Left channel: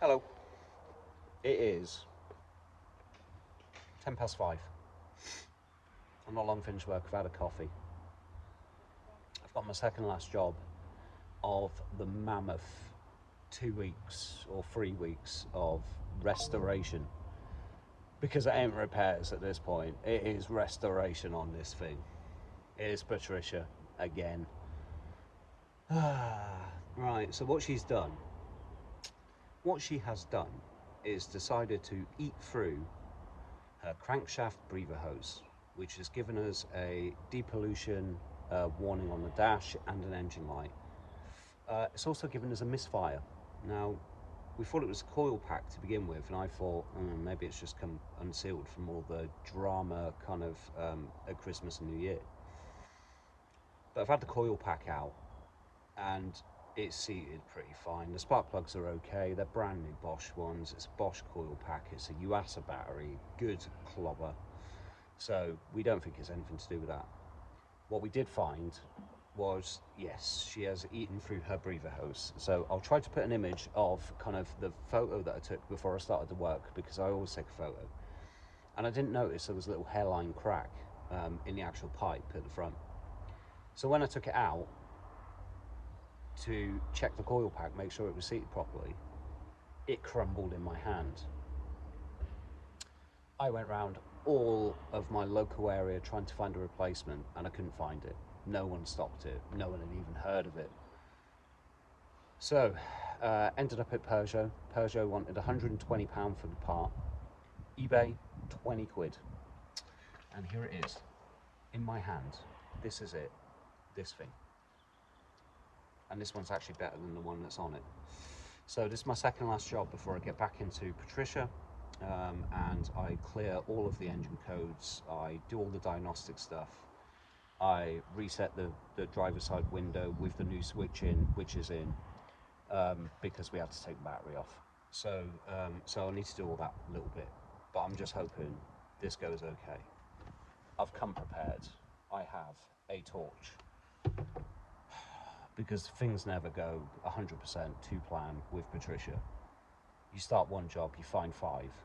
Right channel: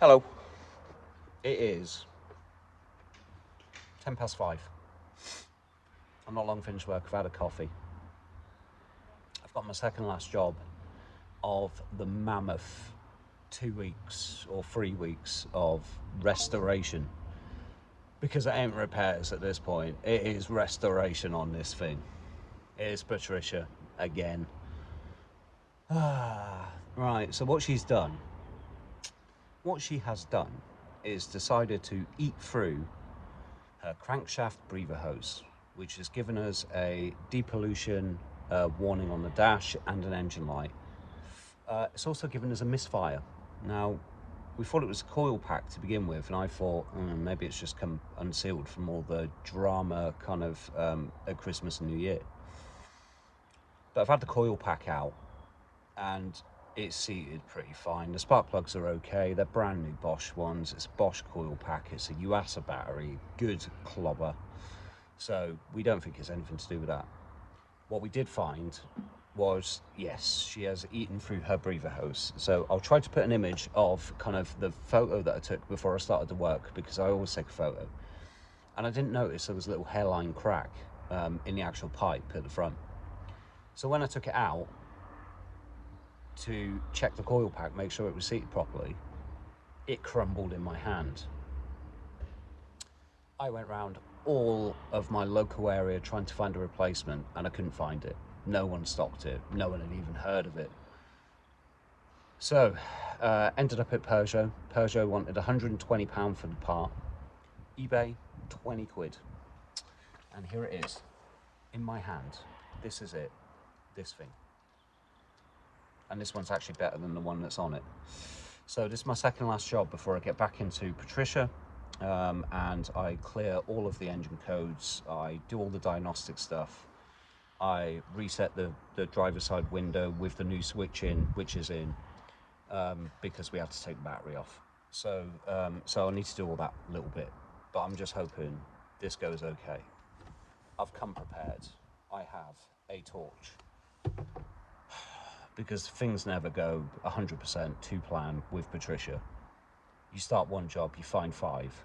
Hello. It is 5:10. I'm not long finished work. I've had a coffee. I've got my second last job of the mammoth 2 weeks or 3 weeks of restoration, because it ain't repairs at this point. It is restoration on this thing. It is Patricia again. Right, so what she has done is decided to eat through her crankshaft breather hose, which has given us a depollution warning on the dash and an engine light. It's also given us a misfire. Now, we thought it was a coil pack to begin with, and I thought maybe it's just come unsealed from all the drama kind of at Christmas and New Year. But I've had the coil pack out and it's seated pretty fine. The spark plugs are okay. They're brand new Bosch ones. It's a Bosch coil pack. It's a UASA battery, good clobber. So we don't think it's anything to do with that. What we did find was, yes, she has eaten through her breather hose. So I'll try to put an image of kind of the photo that I took before I started the work, because I always take a photo. And I didn't notice there was a little hairline crack in the actual pipe at the front. So when I took it out to check the coil pack, make sure it was seated properly, it crumbled in my hand. I went around all of my local area trying to find a replacement, and I couldn't find it. No one stocked it. No one had even heard of it. So ended up at Peugeot. Peugeot wanted £120 for the part. eBay, 20 quid. And here it is in my hand. This is it, this thing. And this one's actually better than the one that's on it. So this is my second last job before I get back into Patricia, and I clear all of the engine codes. I do all the diagnostic stuff. I reset the driver's side window with the new switch in, which is in, because we had to take the battery off. So so I need to do all that little bit, but I'm just hoping this goes okay. I've come prepared. I have a torch, because things never go 100% to plan with Patricia. You start one job, you find 5,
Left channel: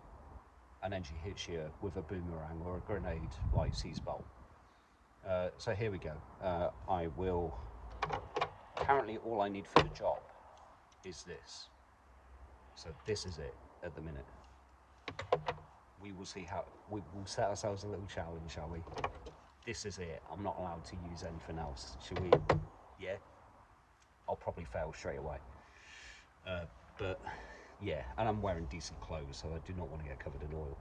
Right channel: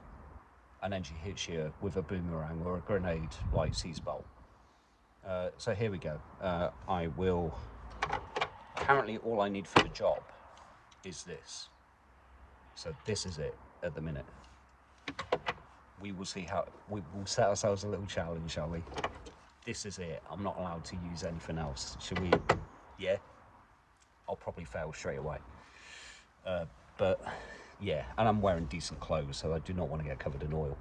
and then she hits you with a boomerang or a grenade like Seasbolt. So here we go. I will, apparently all I need for the job is this. So this is it at the minute. We will see how, we will set ourselves a little challenge, shall we? This is it. I'm not allowed to use anything else. Should we? Yeah. I'll probably fail straight away. But yeah, and I'm wearing decent clothes, so I do not want to get covered in oil.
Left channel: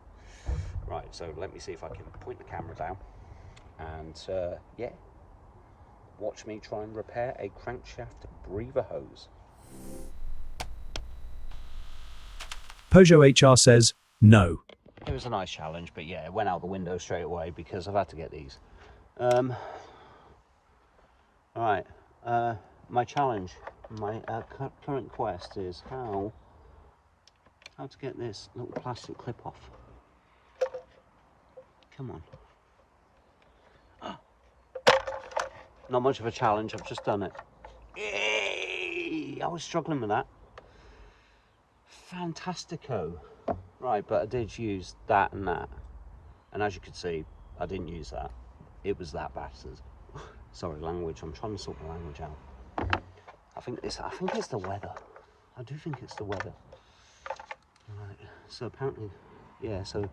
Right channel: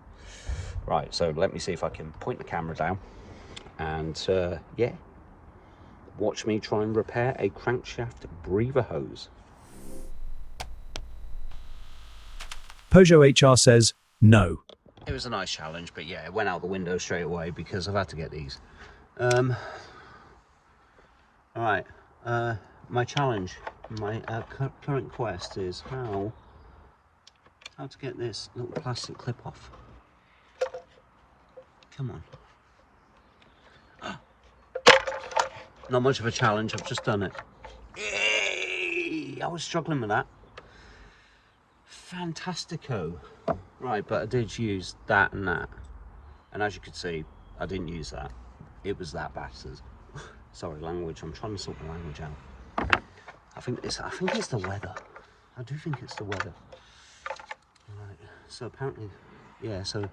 Right, so let me see if I can point the camera down and yeah, watch me try and repair a crankshaft breather hose. Peugeot HR says no. It was a nice challenge, but yeah, it went out the window straight away because I've had to get these. Alright, my challenge, my current quest is how to get this little plastic clip off. Come on. Not much of a challenge, I've just done it. Yay! I was struggling with that. Fantastico. Right, but I did use that and that. And as you can see, I didn't use that. It was that bastard. Sorry, language, I'm trying to sort the language out. I think it's the weather. I do think it's the weather. Right, so apparently, yeah, so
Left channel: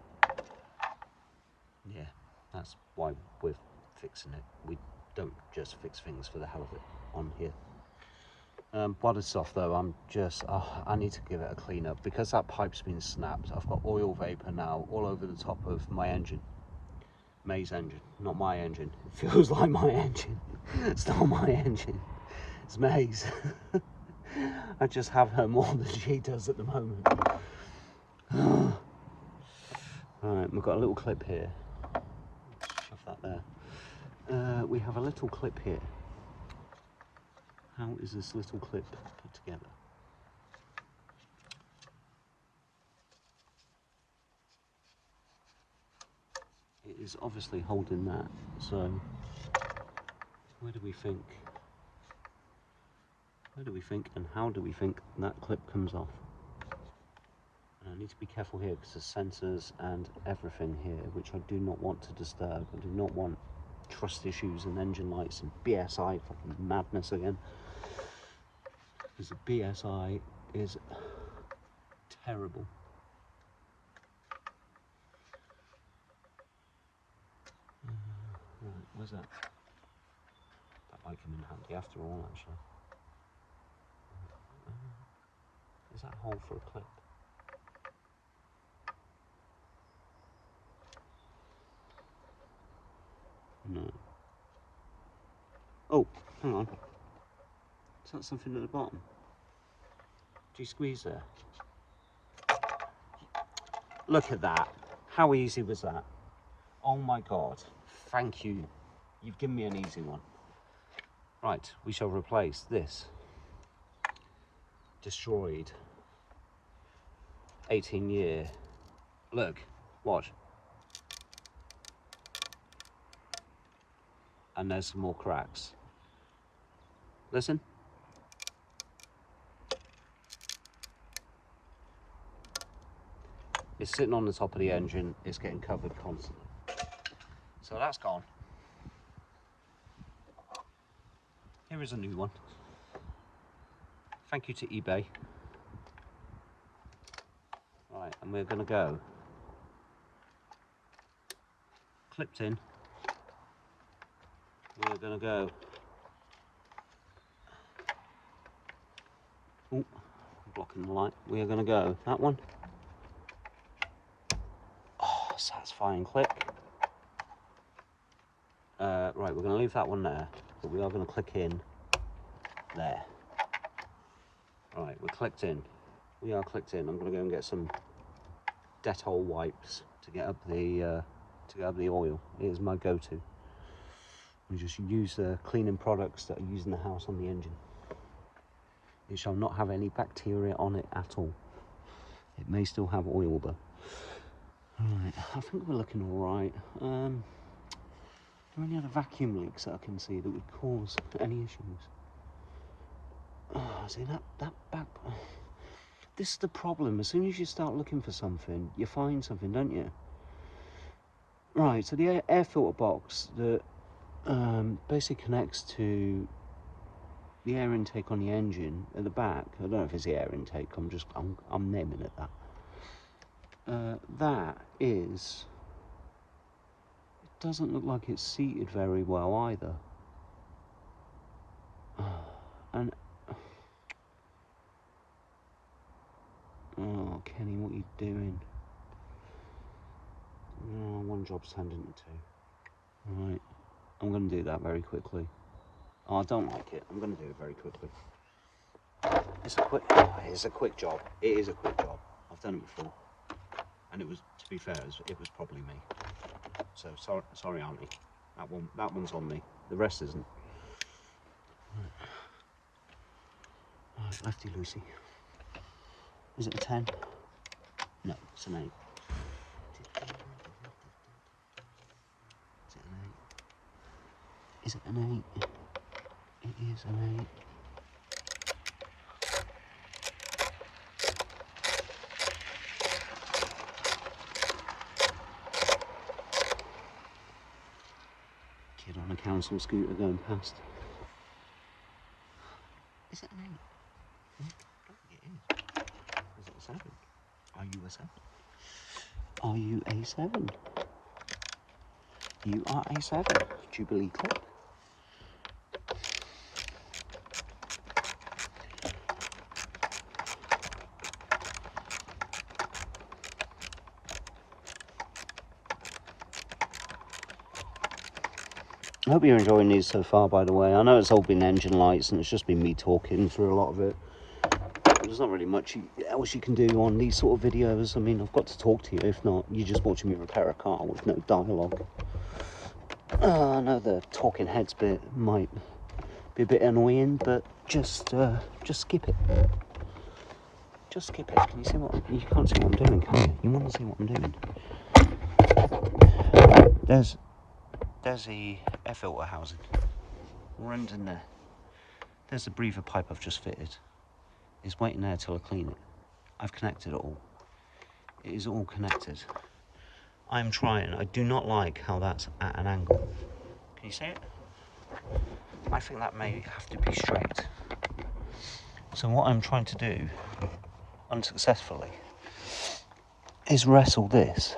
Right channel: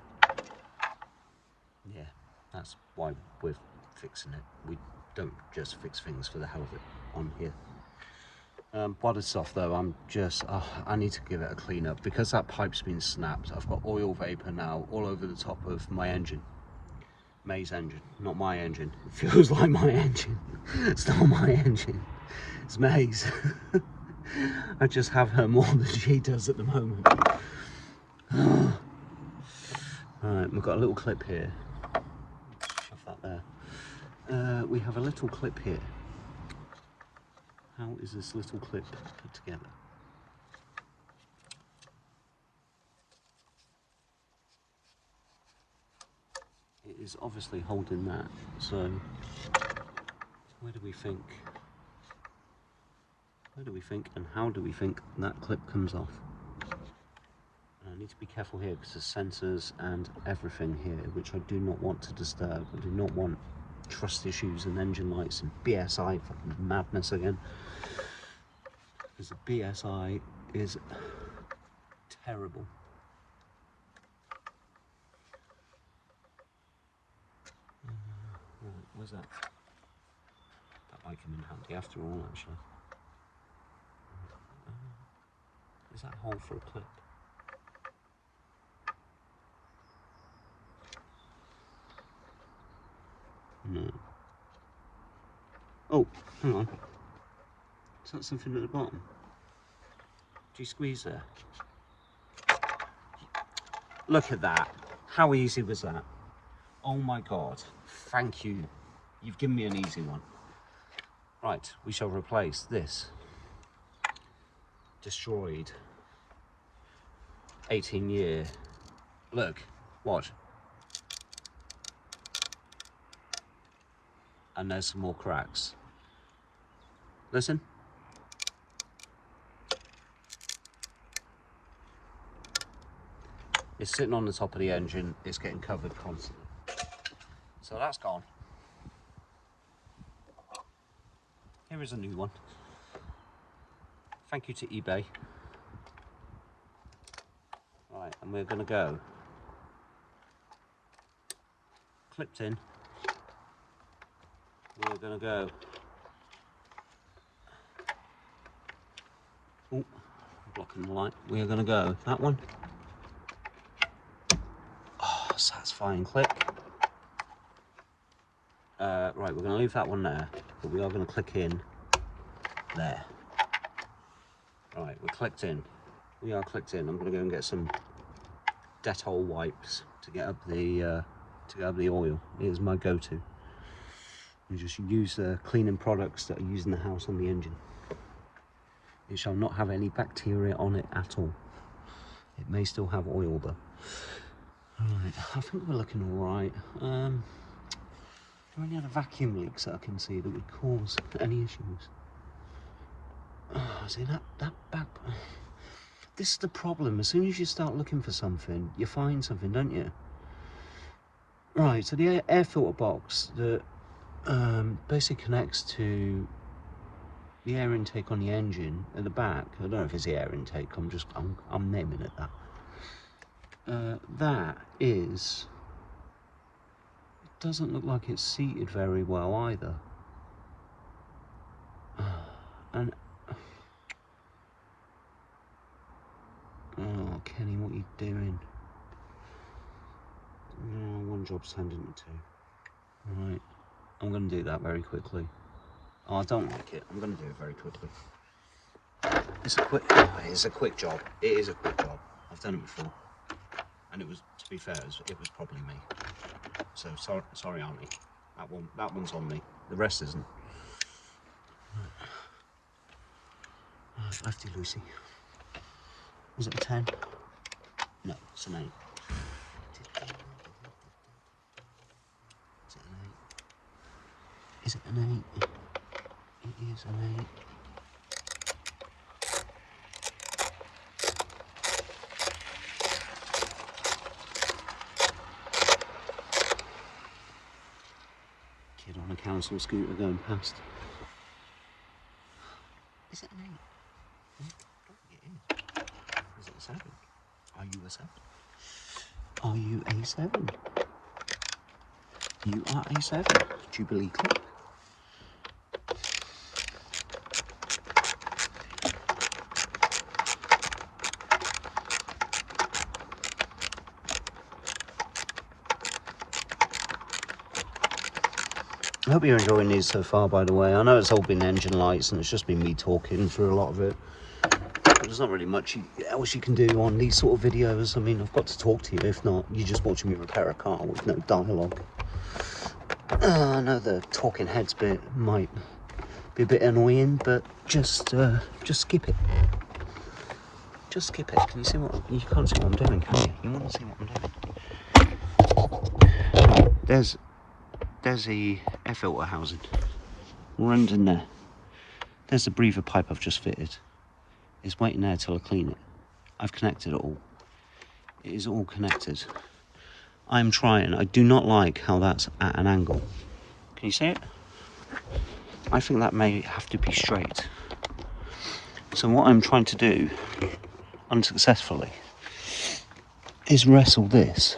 yeah, that's why we're fixing it. We don't just fix things for the hell of it on here. While it's off though, I'm just, I need to give it a clean up, because that pipe's been snapped. I've got oil vapor now all over the top of my engine. May's engine, not my engine. It feels like my engine. It's not my engine, it's May's. I just have her more than she does at the moment. Alright, we've got a little clip here. Shove that there. We have a little clip here. How is this little clip put together? It is obviously holding that, so where do we think and how do we think that clip comes off? And I need to be careful here because there's sensors and everything here, which I do not want to disturb. I do not want trust issues and engine lights and BSI fucking madness again. Because the BSI is terrible. Right, where's that? That might come in handy after all, actually. Is that hole for a clip? No. Oh, hang on. Is that something at the bottom? Do you squeeze there? Look at that. How easy was that? Oh my God. Thank you. You've given me an easy one. Right, we shall replace this destroyed 18-year. Look, watch. And there's some more cracks. Listen. It's sitting on the top of the engine. It's getting covered constantly. So that's gone. Here is a new one. Thank you to eBay. Right, and we're gonna go. Clipped in. We're gonna go. Ooh, blocking the light. We are gonna go that one. Oh, satisfying click. Right, we're gonna leave that one there, but we are gonna click in there. Right, we're clicked in. We are clicked in. I'm gonna go and get some Dettol wipes to get up the oil. It is my go-to. You just use the cleaning products that are used in the house on the engine. It shall not have any bacteria on it at all. It may still have oil though. Right, I think we're looking all right. Any other vacuum leaks that I can see that would cause any issues? See that back. This is the problem. As soon as you start looking for something, you find something, don't you? Right. So the air filter box that basically connects to the air intake on the engine at the back. I don't know if it's the air intake. I'm naming it that. That is. It doesn't look like it's seated very well either. And oh, Kenny, what are you doing? Oh, one job's turned into two. Right, I'm going to do that very quickly. Oh, I don't like it. I'm going to do it very quickly. It's a quick. Oh, it is a quick job. It is a quick job. I've done it before, and it was, to be fair, it was probably me. So sorry, Auntie. That one's on me. The rest isn't. Lefty Lucy. Is it a 10? No, it's an 8. Is it an 8? It is an 8. Kid on a council scooter going past. Is it an 8? It is. Is it a 7? Are you a 7? Are you a 7? You are a 7. Jubilee Club. I hope you're enjoying these so far, by the way. I know it's all been engine lights and it's just been me talking through a lot of it. But there's not really much else you can do on these sort of videos. I mean, I've got to talk to you. If not, you're just watching me repair a car with no dialogue. I know the talking heads bit might be a bit annoying, but just skip it. Just skip it. Can you see what? You can't see what I'm doing, can you? You want to see what I'm doing? There's the air filter housing. Runs in there. There's the breather pipe I've just fitted. It's waiting there till I clean it. I've connected it all. It is all connected. I'm trying. I do not like how that's at an angle. Can you see it? I think that may have to be straight. So what I'm trying to do, unsuccessfully, is wrestle this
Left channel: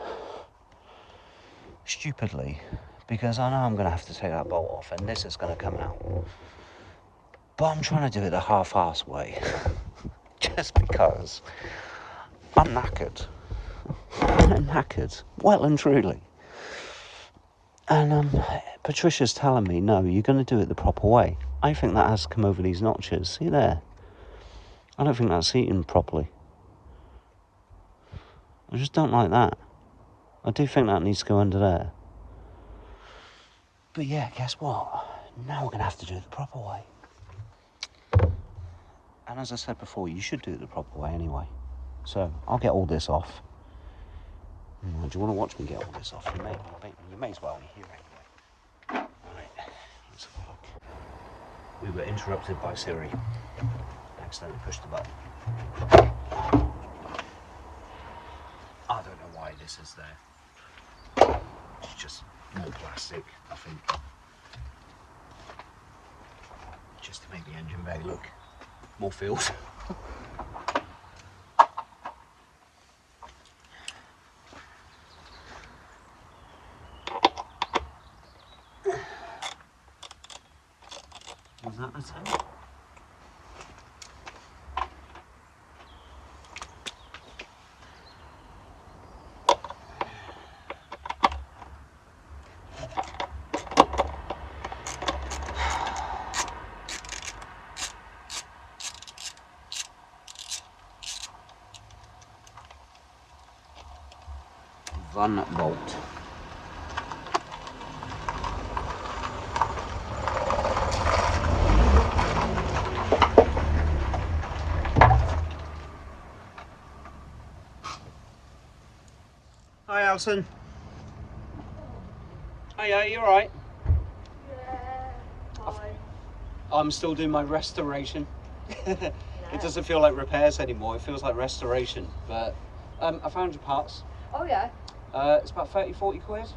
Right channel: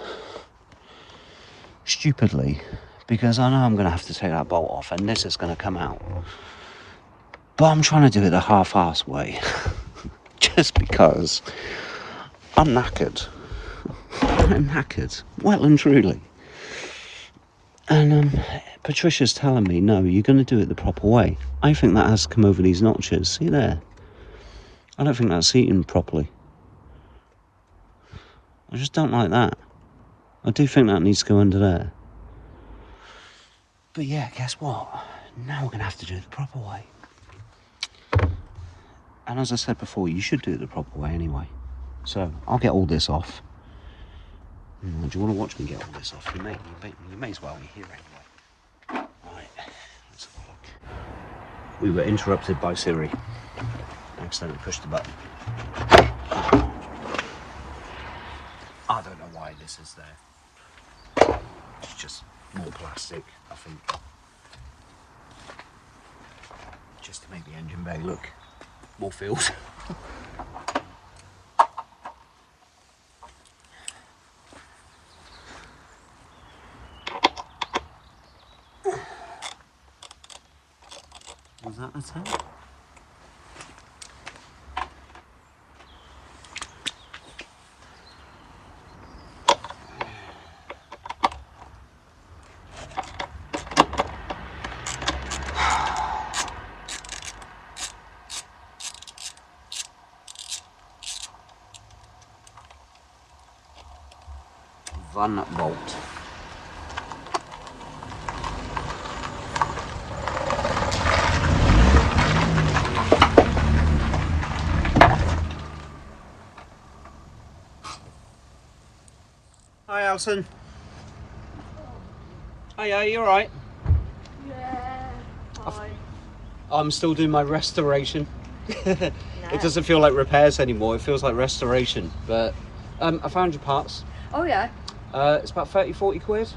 stupidly, because I know I'm going to have to take that bolt off and this is going to come out. But I'm trying to do it the half-assed way, just because I'm knackered. I'm knackered, well and truly. And Patricia's telling me, no, you're going to do it the proper way. I think that has to come over these notches. See there? I don't think that's seating properly. I just don't like that. I do think that needs to go under there. But yeah, guess what? Now we're going to have to do it the proper way. And as I said before, you should do it the proper way anyway. So I'll get all this off. Do you want to watch me get all this off? You may as well. You're here anyway. Right, let's have a look. We were interrupted by Siri. Accidentally pushed the button. I don't know why this is there. It's just more plastic, I think. Just to make the engine bay look more feels. Is that the tape? Van Bolt. Hi Alison. Oh yeah, you alright? Yeah, hi. I'm still doing my restoration. It doesn't feel like repairs anymore, it feels like restoration. But I found your parts. Oh yeah, It's about 30-40 quid.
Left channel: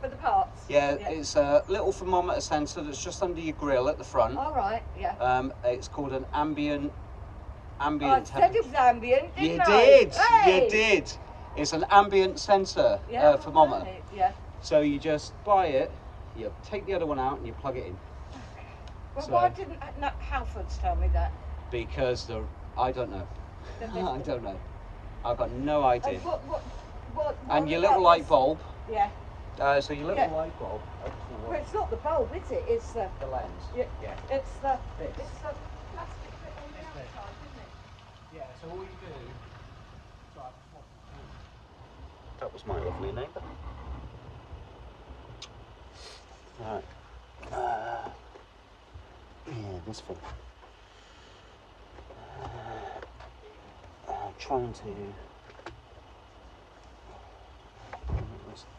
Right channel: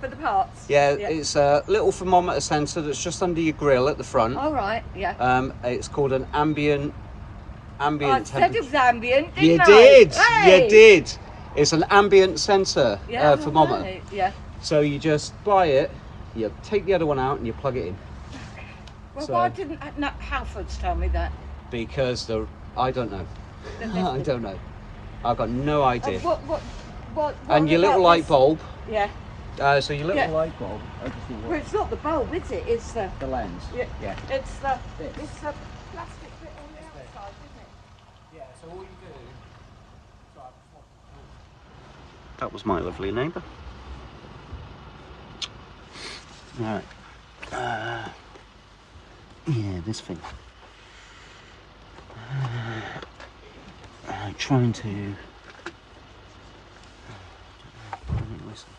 for the parts? Yeah, it's a little thermometer sensor that's just under your grille at the front. All right, yeah. It's called an ambient I said it was ambient, didn't You I? did, Hey! you did. It's an ambient sensor Yeah, thermometer. right, yeah. So you just buy it, you take the other one out and you plug it in. Well, So- why didn't Halfords tell me that? Because I don't know. I don't know. I've got no idea. What And your little about light this? bulb. Yeah. So your little Yeah. light bulb. Well, it's not the bulb, is it? It's the. The lens. Yeah. Yeah. It's the plastic bit on this side, isn't it? Yeah. So all you do. That was my lovely neighbour. Right. Yeah, this thing. Trying to. Listen.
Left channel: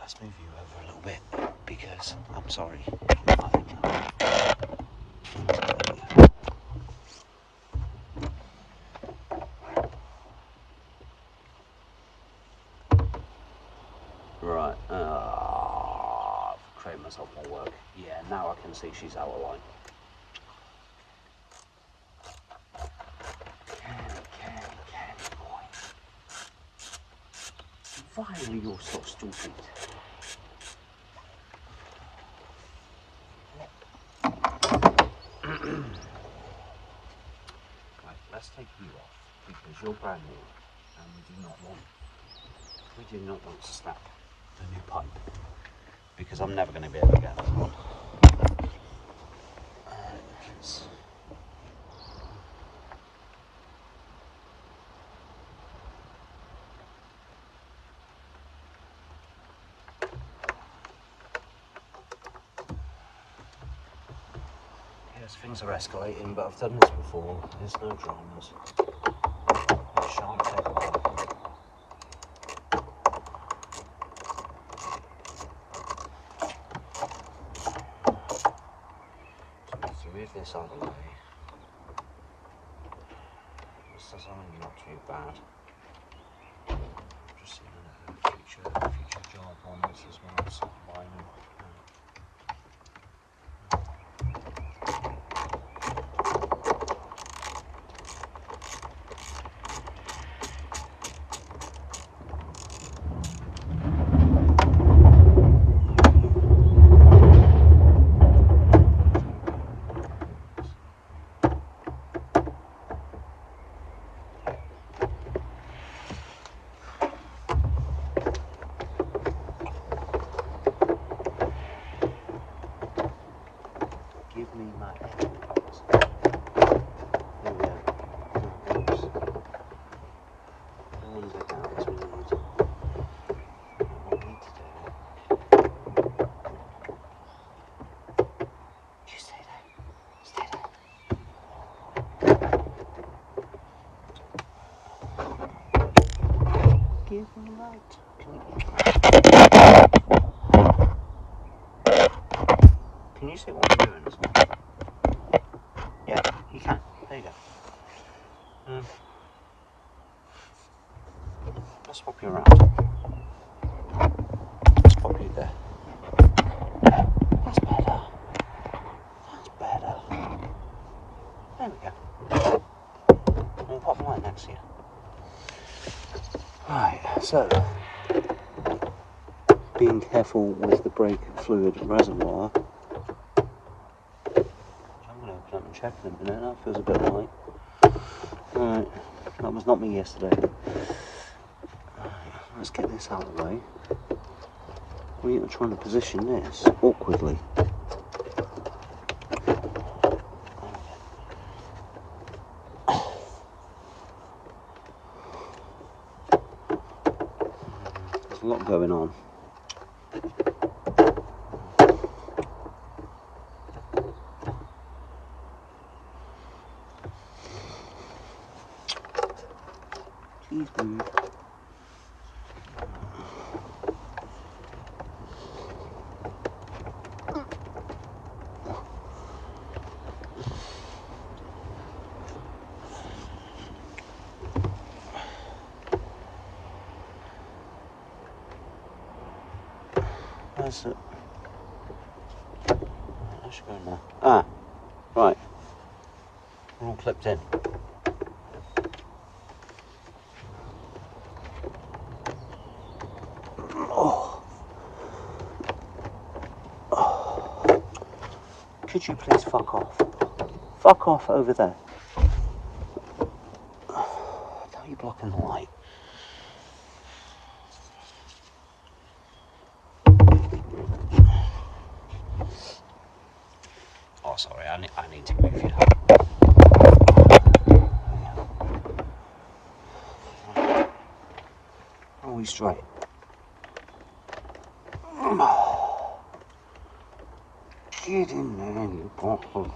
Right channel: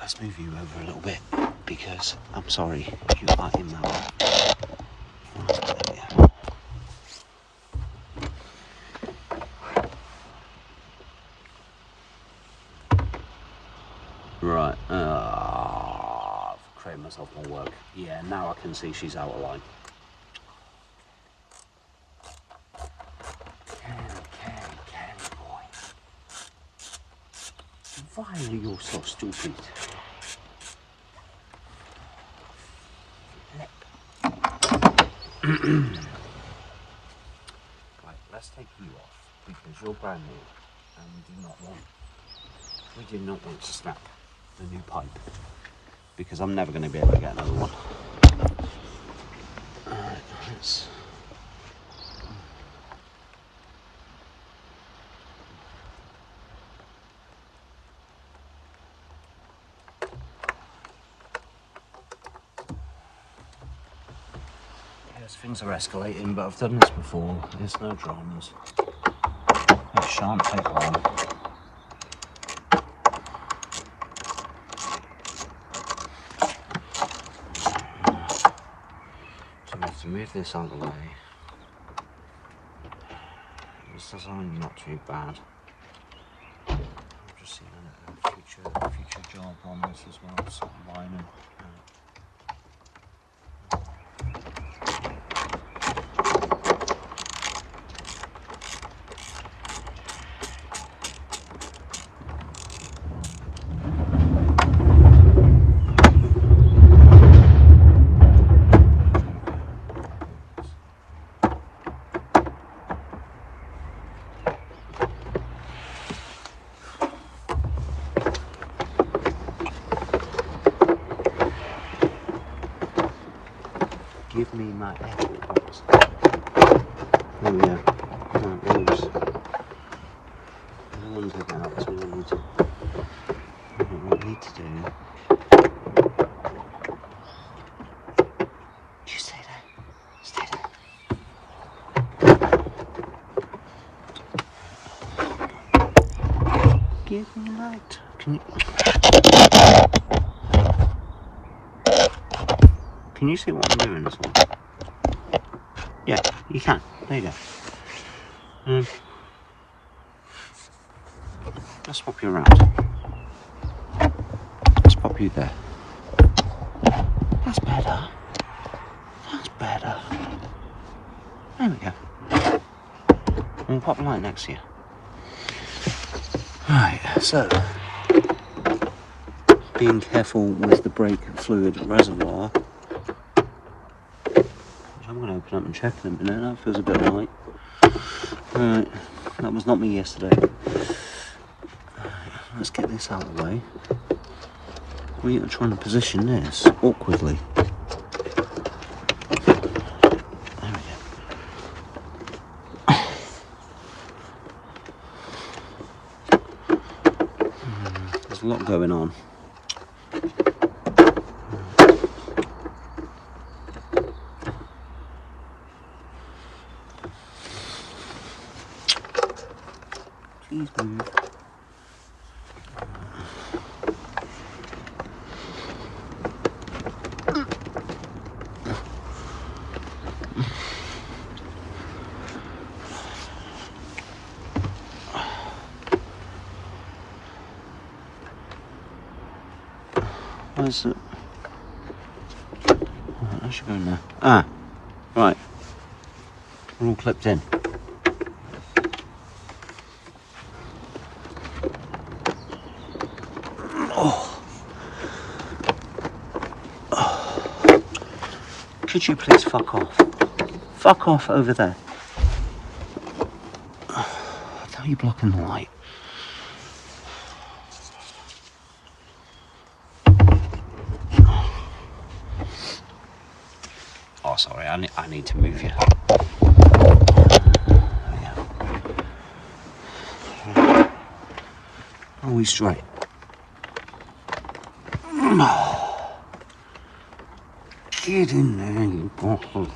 Let's move you over a little bit because I'm sorry you are in my way. Right, I've created myself more work. Yeah, now I can see she's out of line. Candy, boy. Why are you so stupid? Right, let's take you off because you're brand new and we do not want to snap the new pipe because I'm never going to be able to get another one. Alright, let's... Yes, things are escalating, but I've done this before. There's no dramas. It shan't take long. move this out of the way. This design's not too bad. Just seeing a future job on this as well, sort of line them. Give me my evidence. Oh yeah, right, those. Ones like that, that's what we need to do. You stay there. Stay there. Give me light. Can you see what I'm doing as well? Yeah, you can. There you go. Let's pop you around. Let's pop you there. That's better. That's better. There we go. And we'll pop the light next to you. Right, so being careful with the brake fluid reservoir. I'm going to open up and check in a minute. That feels a bit light. Right, that was not me yesterday. Let's get this out of the way. We are trying to position this awkwardly. There we go. There's a lot going on. Please move. Where's it? I should go now. Ah, right. We're all clipped in. Could you please fuck off? Fuck off over there. How are you blocking the light? Oh, sorry, I need to move you. Are we straight? Get in there, you bottle.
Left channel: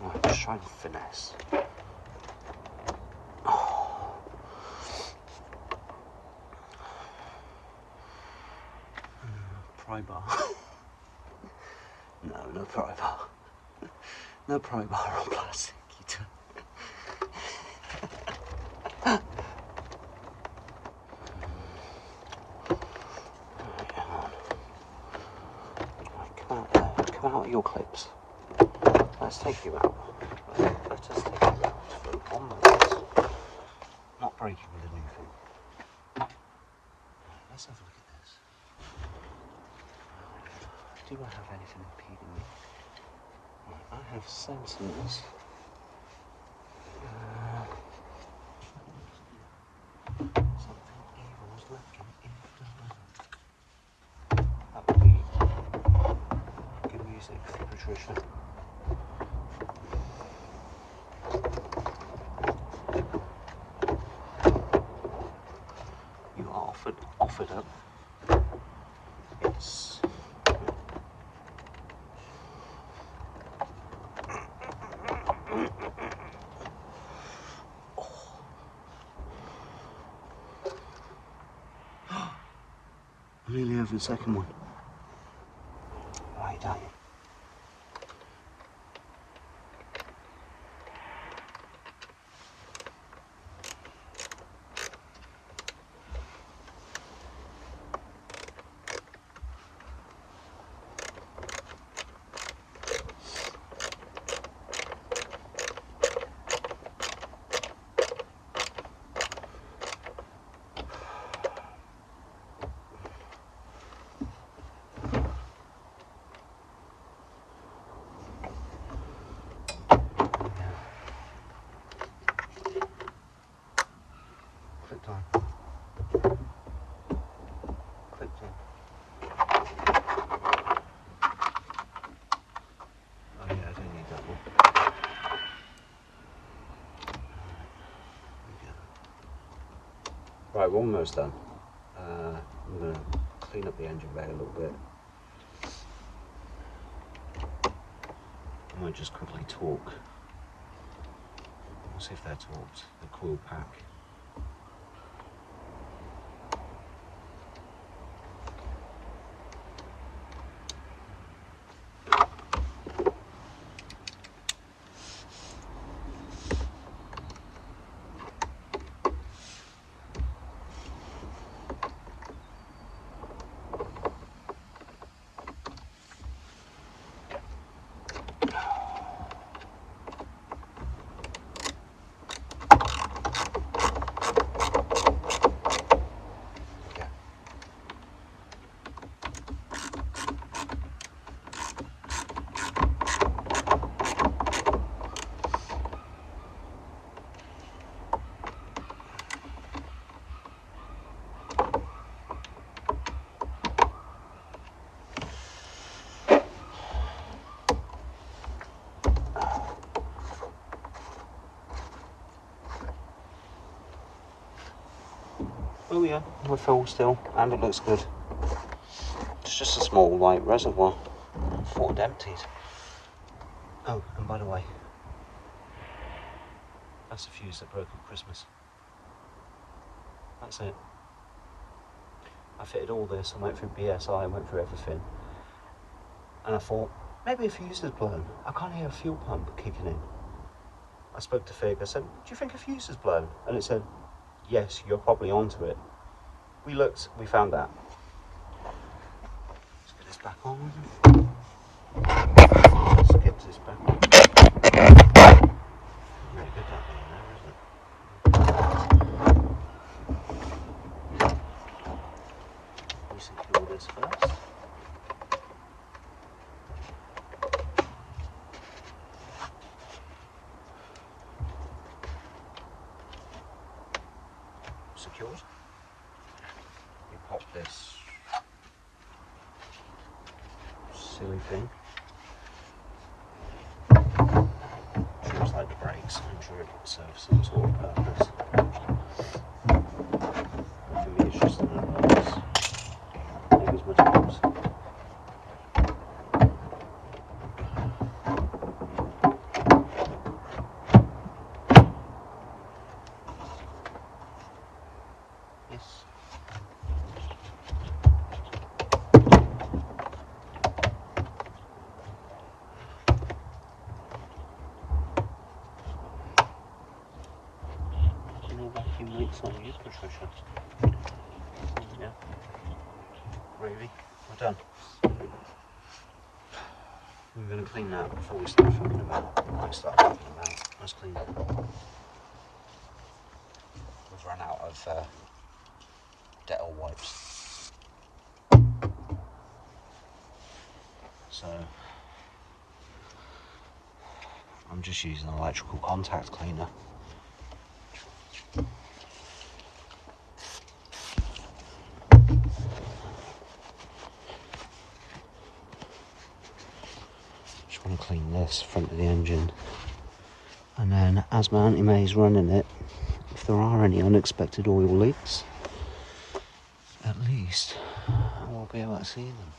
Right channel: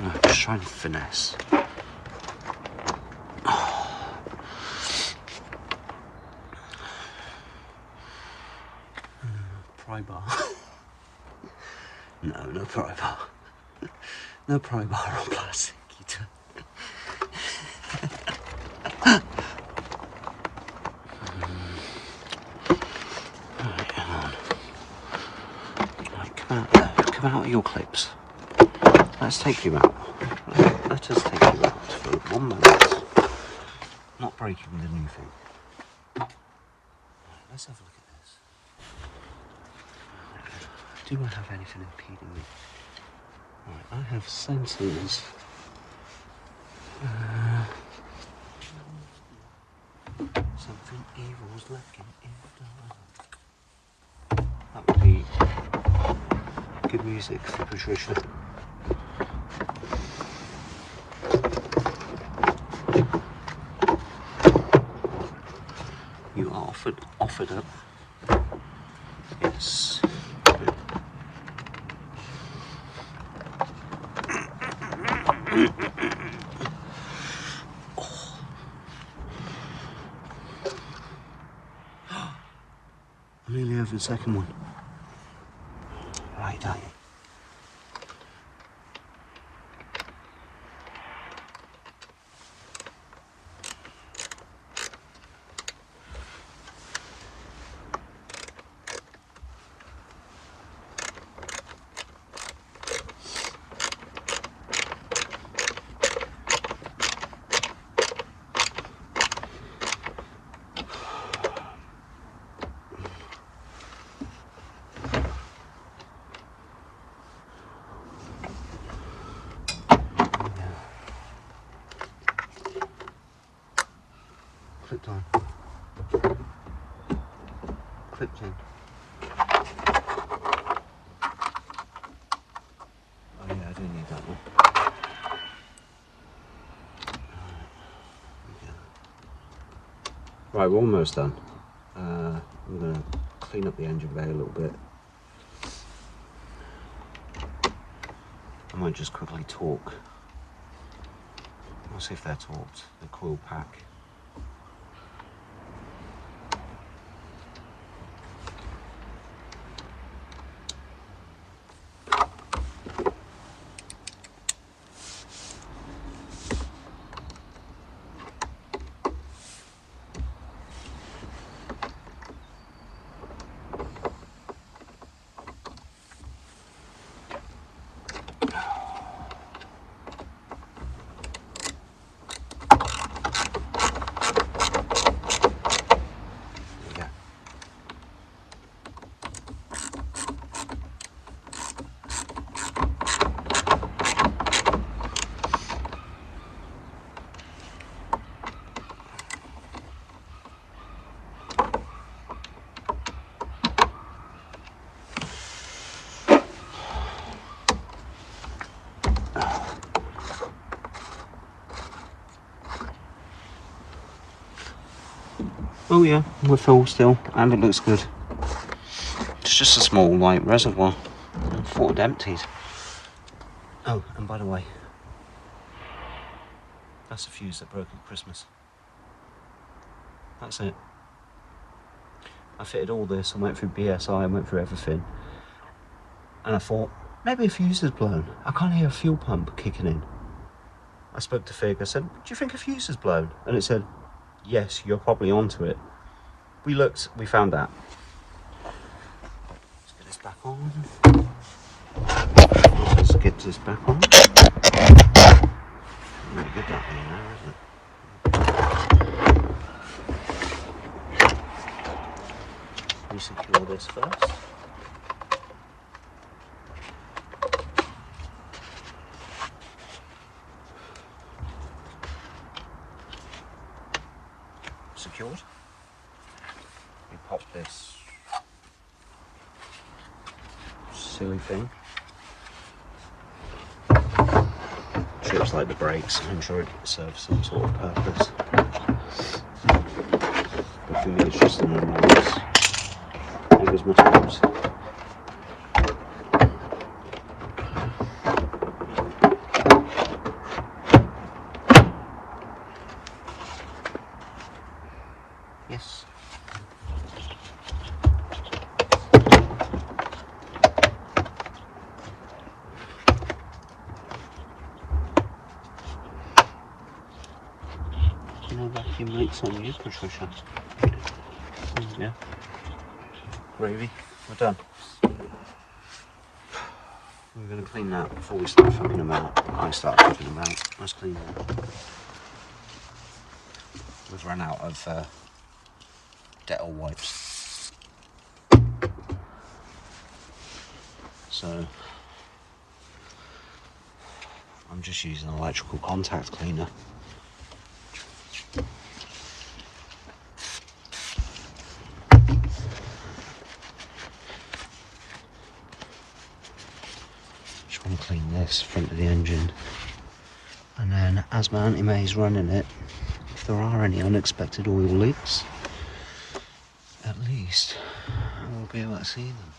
I'm just trying to finesse. Pry bar. No pry bar. No pry bar on plastic. Come out of your clips. Let's take you out. Let us take you out for 1 moment. Not breaking the new thing. Let's have a look at this. Do I have anything impeding me? Right, I have sensors. Something evil's lurking in the water. That would be good music for Patricia. You are offered up. Yes. Nearly over the second one. Right, Come on. Clipped in. Oh yeah, I do need that one. Right, we're almost done. I'm going to clean up the engine bay a little bit. I might just quickly torque. I'll see if they're torqued, the coil pack. Oh yeah, we're full still, and it looks good. It's just a small light reservoir. I thought I'd emptied. Oh, and by the way, that's a fuse that broke at Christmas. That's it. I fitted all this, I went through BSI, I went through everything. And I thought, maybe a fuse has blown. I can't hear a fuel pump kicking in. I spoke to Fig, I said, do you think a fuse has blown? And it said, yes, you're probably onto it. We looked, we found that. Let's get this back on. Let's get this back on. Really good that being there, isn't it? Resecure this first. Secured. We pop this silly thing. Shapes like the brakes. I'm sure it serves some sort of purpose. But for me, it's just an annoyance. Big as my toes. Yes. No vacuum lights on you, Patricia. Yeah. Gravy. We're done. We're going to clean that before we start fucking them out. I start fucking them out. Let's clean them. We've run out of Dettol wipes. So I'm just using an electrical contact cleaner. Just want to clean this front of the engine, and then as my Auntie May's running it, if there are any unexpected oil leaks, at least we'll be able to see them.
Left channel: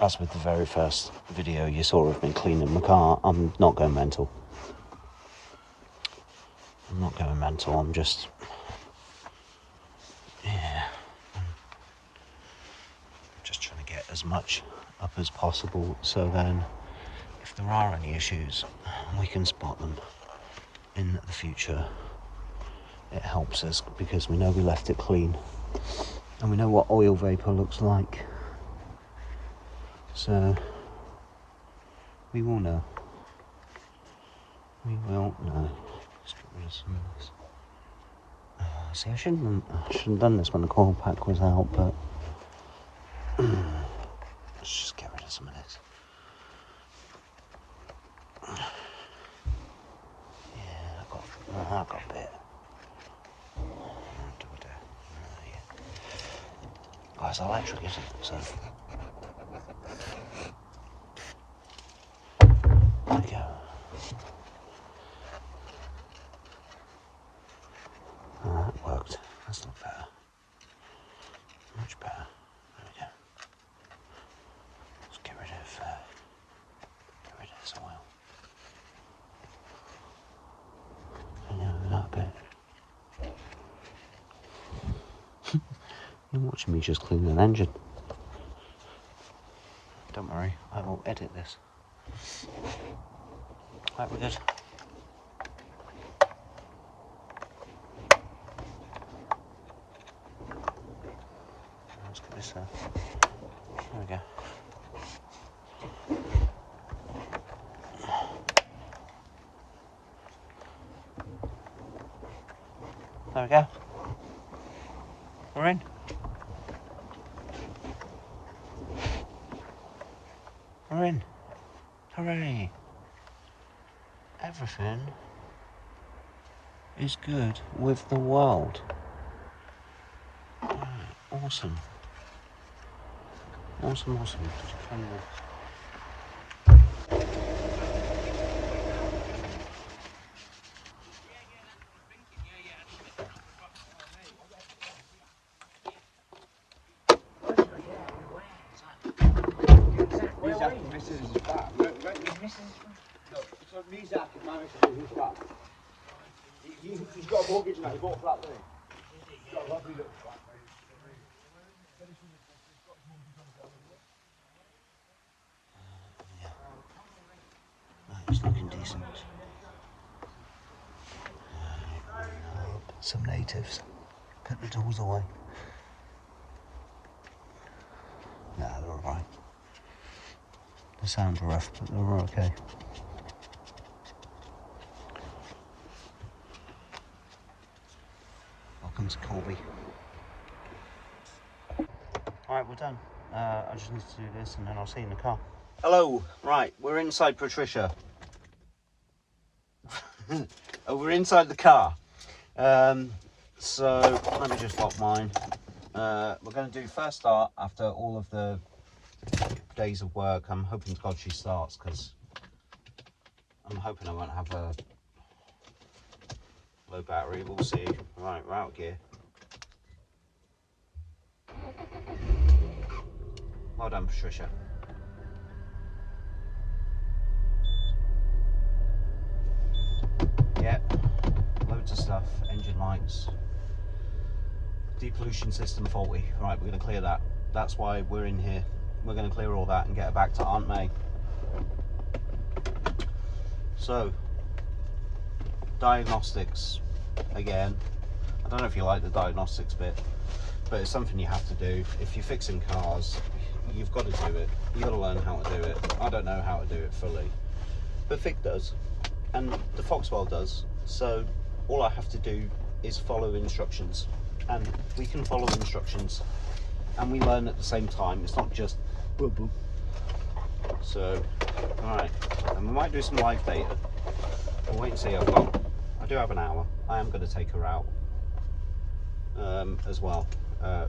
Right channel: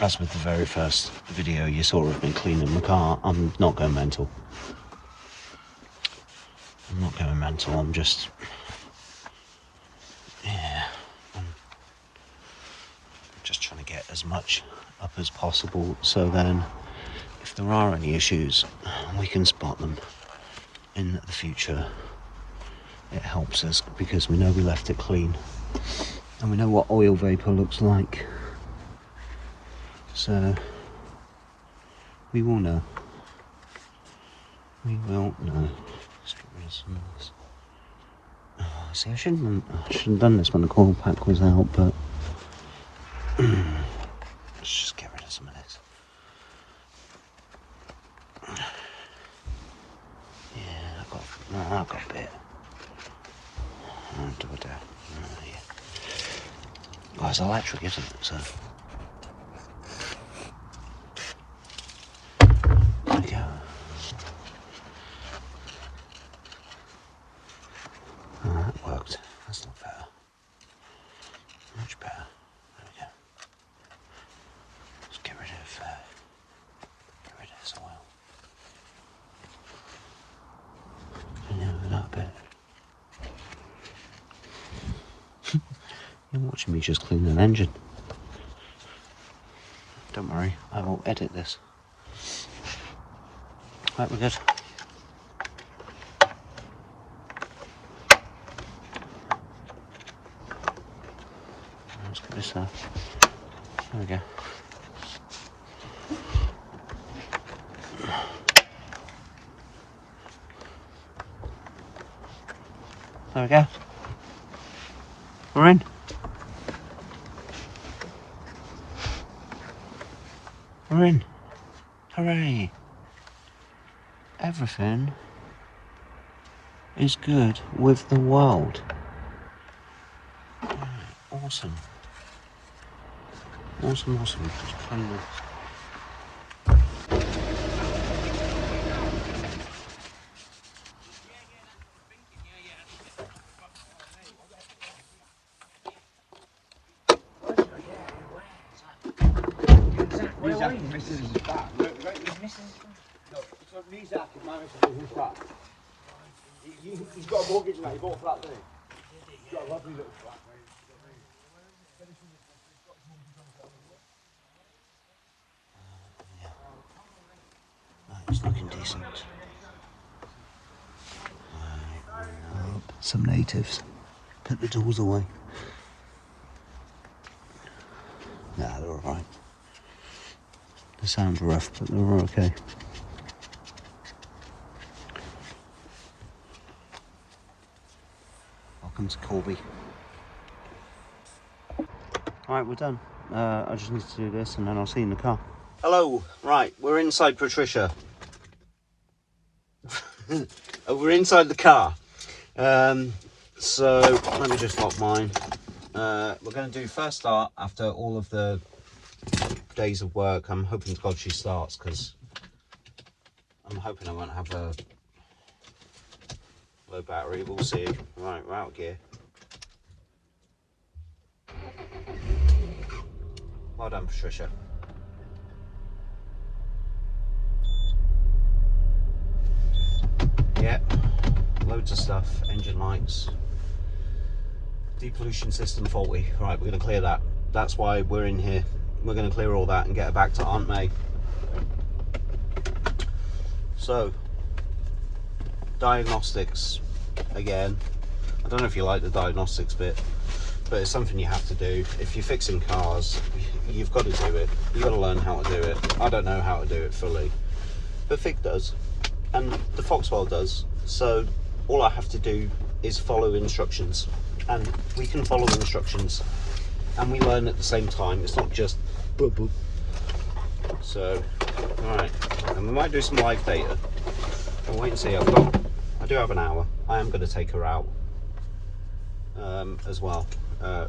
As with the very first video you saw of me cleaning the car, I'm not going mental. I'm not going mental, I'm just... yeah. I'm just trying to get as much up as possible, so then if there are any issues, we can spot them in the future. It helps us because we know we left it clean. And we know what oil vapour looks like. So we will know. We will, no. Let's get rid of some of this. Oh, see, I shouldn't have done this when the coil pack was out, but let's just get rid of some of this. Yeah, I've got a bit. I'll do it there. Yeah. Oh, it's electric, isn't it? So there we go. Oh, that worked. That's not better. Much better. There we go. Let's get rid of this oil. And then with that bit. You're watching me just clean an engine. Don't worry, I will edit this. Right, we're good. Let's get this there we go. There we go. We're in. We're in. Hooray. Everything is good with the world. Right, awesome. Awesome. Just clean this. It's looking decent. Some natives put the doors away. Nah, they're alright. They sound rough, but they're okay. Welcome to Corby. Alright, we're done. I just need to do this and then I'll see you in the car. Hello, right, we're inside Patricia. We're inside the car. So let me just lock mine. We're going to do first start after all of the days of work. I'm hoping to God she starts because I'm hoping I won't have a low battery. We'll see. Right, we're out of gear. Well done, Patricia. Yeah, loads of stuff, engine lights, depollution system faulty. Right, we're going to clear that. That's why we're in here. We're going to clear all that and get it back to Aunt May. So, diagnostics again. I don't know if you like the diagnostics bit, but it's something you have to do. If you're fixing cars, you've got to do it. You've got to learn how to do it. I don't know how to do it fully, but Fig does. And the Foxwell does, so all I have to do is follow instructions, and we can follow instructions and we learn at the same time. It's not just boop boop. So, alright, and we might do some live data. We'll wait and see. I do have an hour. I am going to take her out as well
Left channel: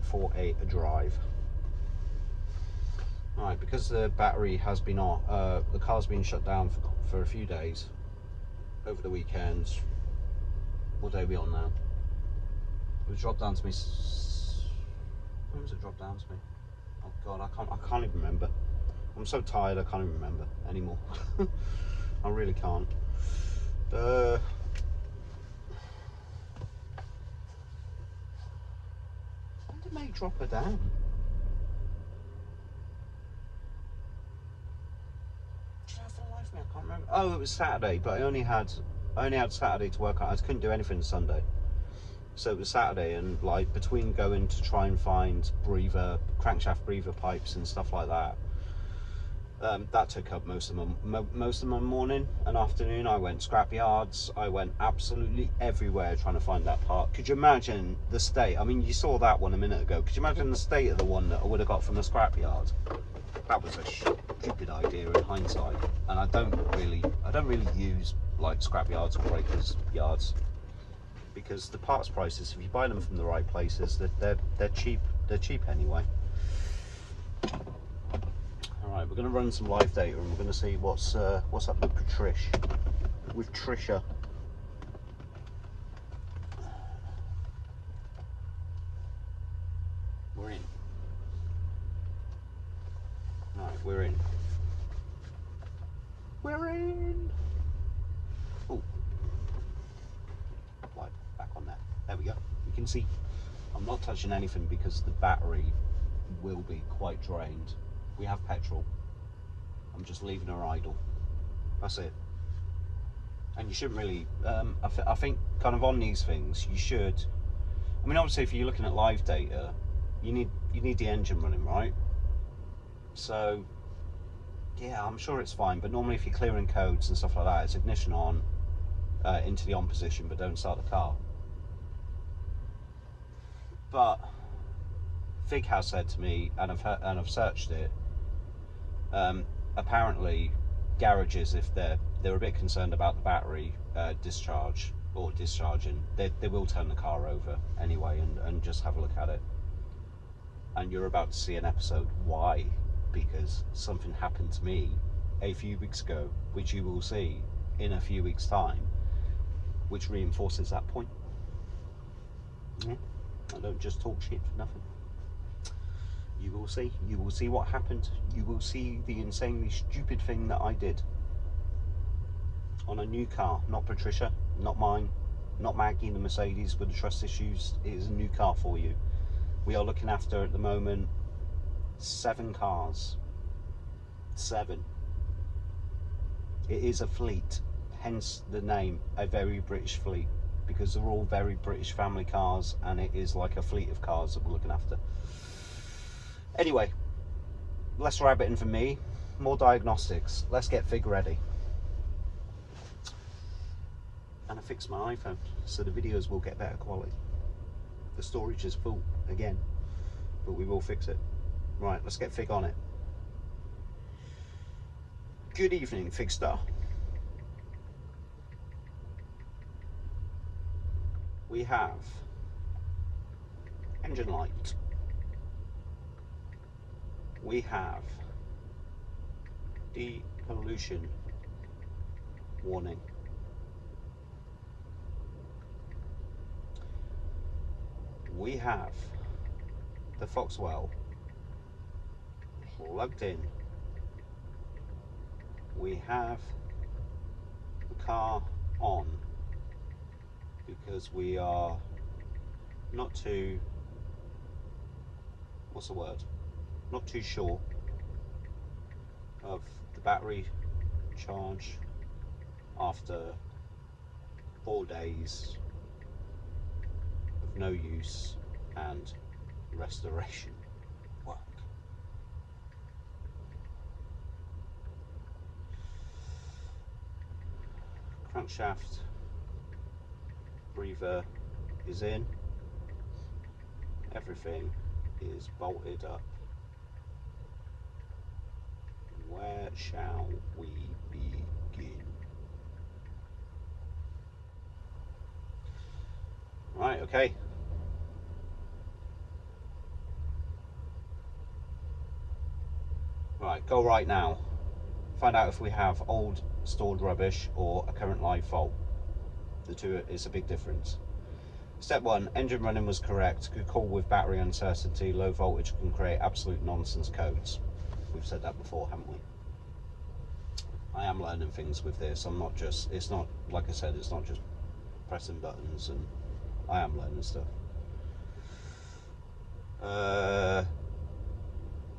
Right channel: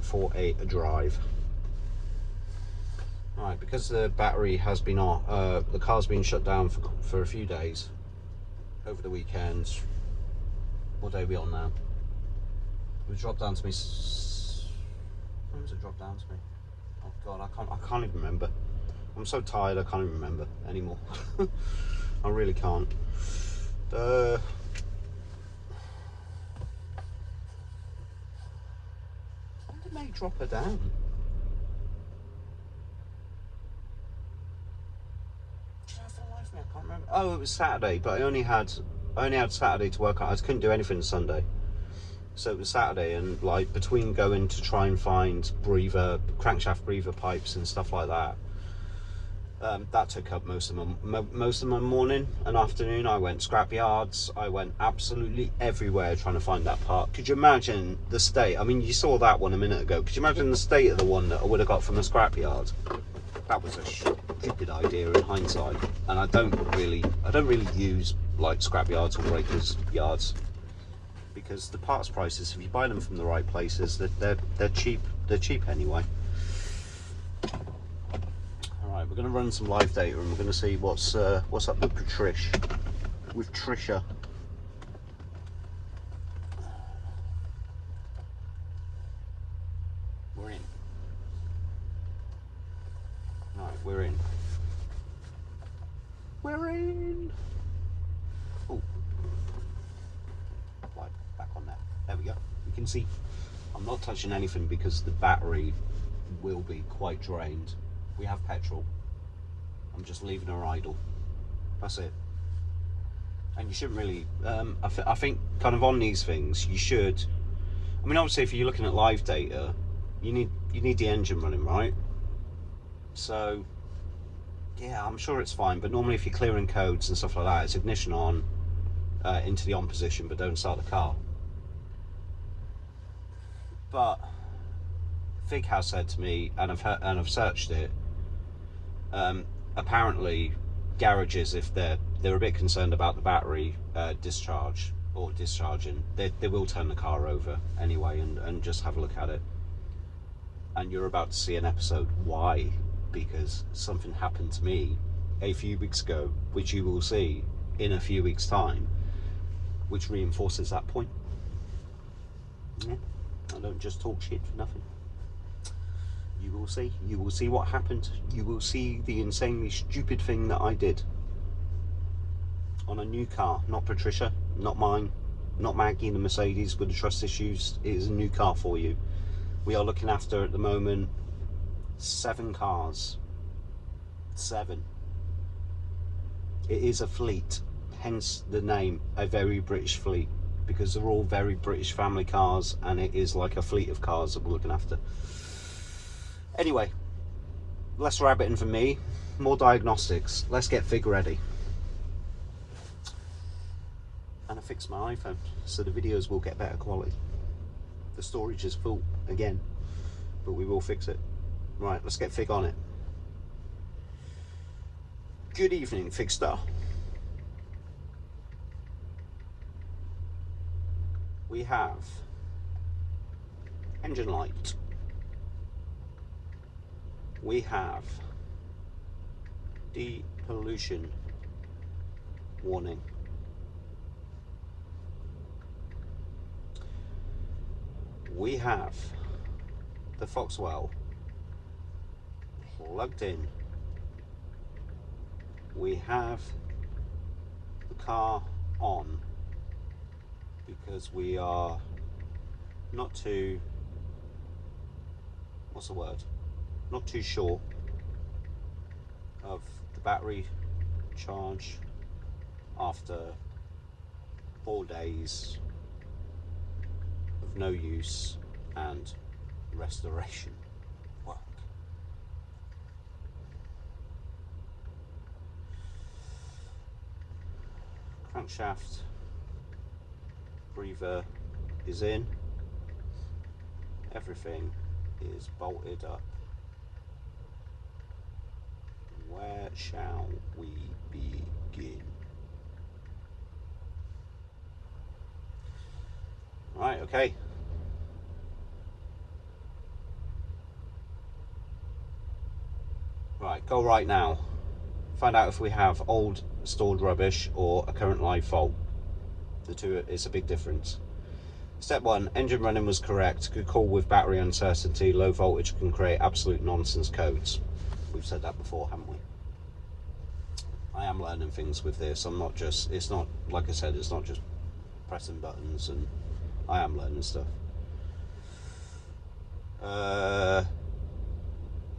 for a drive. Right, because the battery has been on, the car's been shut down for a few days. Over the weekends. What day are we on now? It dropped down to me. When was it dropped down to me? Oh God, I can't even remember. I'm so tired I can't even remember anymore. I really can't. When did May drop her down? I can't remember. Oh, it was Saturday, but I only had Saturday to work on. I couldn't do anything Sunday, so it was Saturday, and like between going to try and find crankshaft breather pipes and stuff like that, That took up most of my morning and afternoon. I went scrap yards, I went absolutely everywhere trying to find that part. Could you imagine the state? I mean, you saw that one a minute ago. Could you imagine the state of the one that I would have got from a scrap yard? That was a stupid idea in hindsight, and I don't really use like scrap yards or breakers yards, because the parts prices, if you buy them from the right places, they're cheap. They're cheap anyway. Alright, we're going to run some live data and we're going to see what's up with Trisha. We're in. Right, we're in. We're in. Oh, right, back on there. There we go. You can see I'm not touching anything because the battery will be quite drained. We have petrol. I'm just leaving her idle. That's it. And you shouldn't really. I think kind of on these things you should. I mean, obviously, if you're looking at live data, you need the engine running, right? So yeah, I'm sure it's fine. But normally, if you're clearing codes and stuff like that, it's ignition on, into the on position, but don't start the car. But Fig has said to me, and I've searched it. Apparently, garages, if they're a bit concerned about the battery discharge or discharging, they will turn the car over anyway and just have a look at it. And you're about to see an episode why, because something happened to me a few weeks ago, which you will see in a few weeks' time, which reinforces that point. Yeah, I don't just talk shit for nothing. You will see. You will see what happened. You will see the insanely stupid thing that I did on a new car. Not Patricia, not mine, not Maggie in the Mercedes with the trust issues. It is a new car for you. We are looking after, at the moment, 7 cars. 7. It is a fleet, hence the name, a very British fleet, because they're all very British family cars, and it is like a fleet of cars that we're looking after. Anyway, less rabbiting for me, more diagnostics. Let's get Fig ready. And I fixed my iPhone, so the videos will get better quality. The storage is full again, but we will fix it. Right, let's get Fig on it. Good evening, Figstar. We have engine light. We have depollution warning. We have the Foxwell plugged in. We have the car on because we are not too, what's the word? Not too sure of the battery charge after 4 days of no use and restoration work. Crankshaft breather is in. Everything is bolted up. Where shall we begin? Right, okay. Right, go right now. Find out if we have old stored rubbish or a current live fault. The two is a big difference. Step 1, engine running was correct. Good call with battery uncertainty. Low voltage can create absolute nonsense codes. We've said that before, haven't we? I am learning things with this. I'm not just, it's not, like I said, it's not just pressing buttons, and I am learning stuff.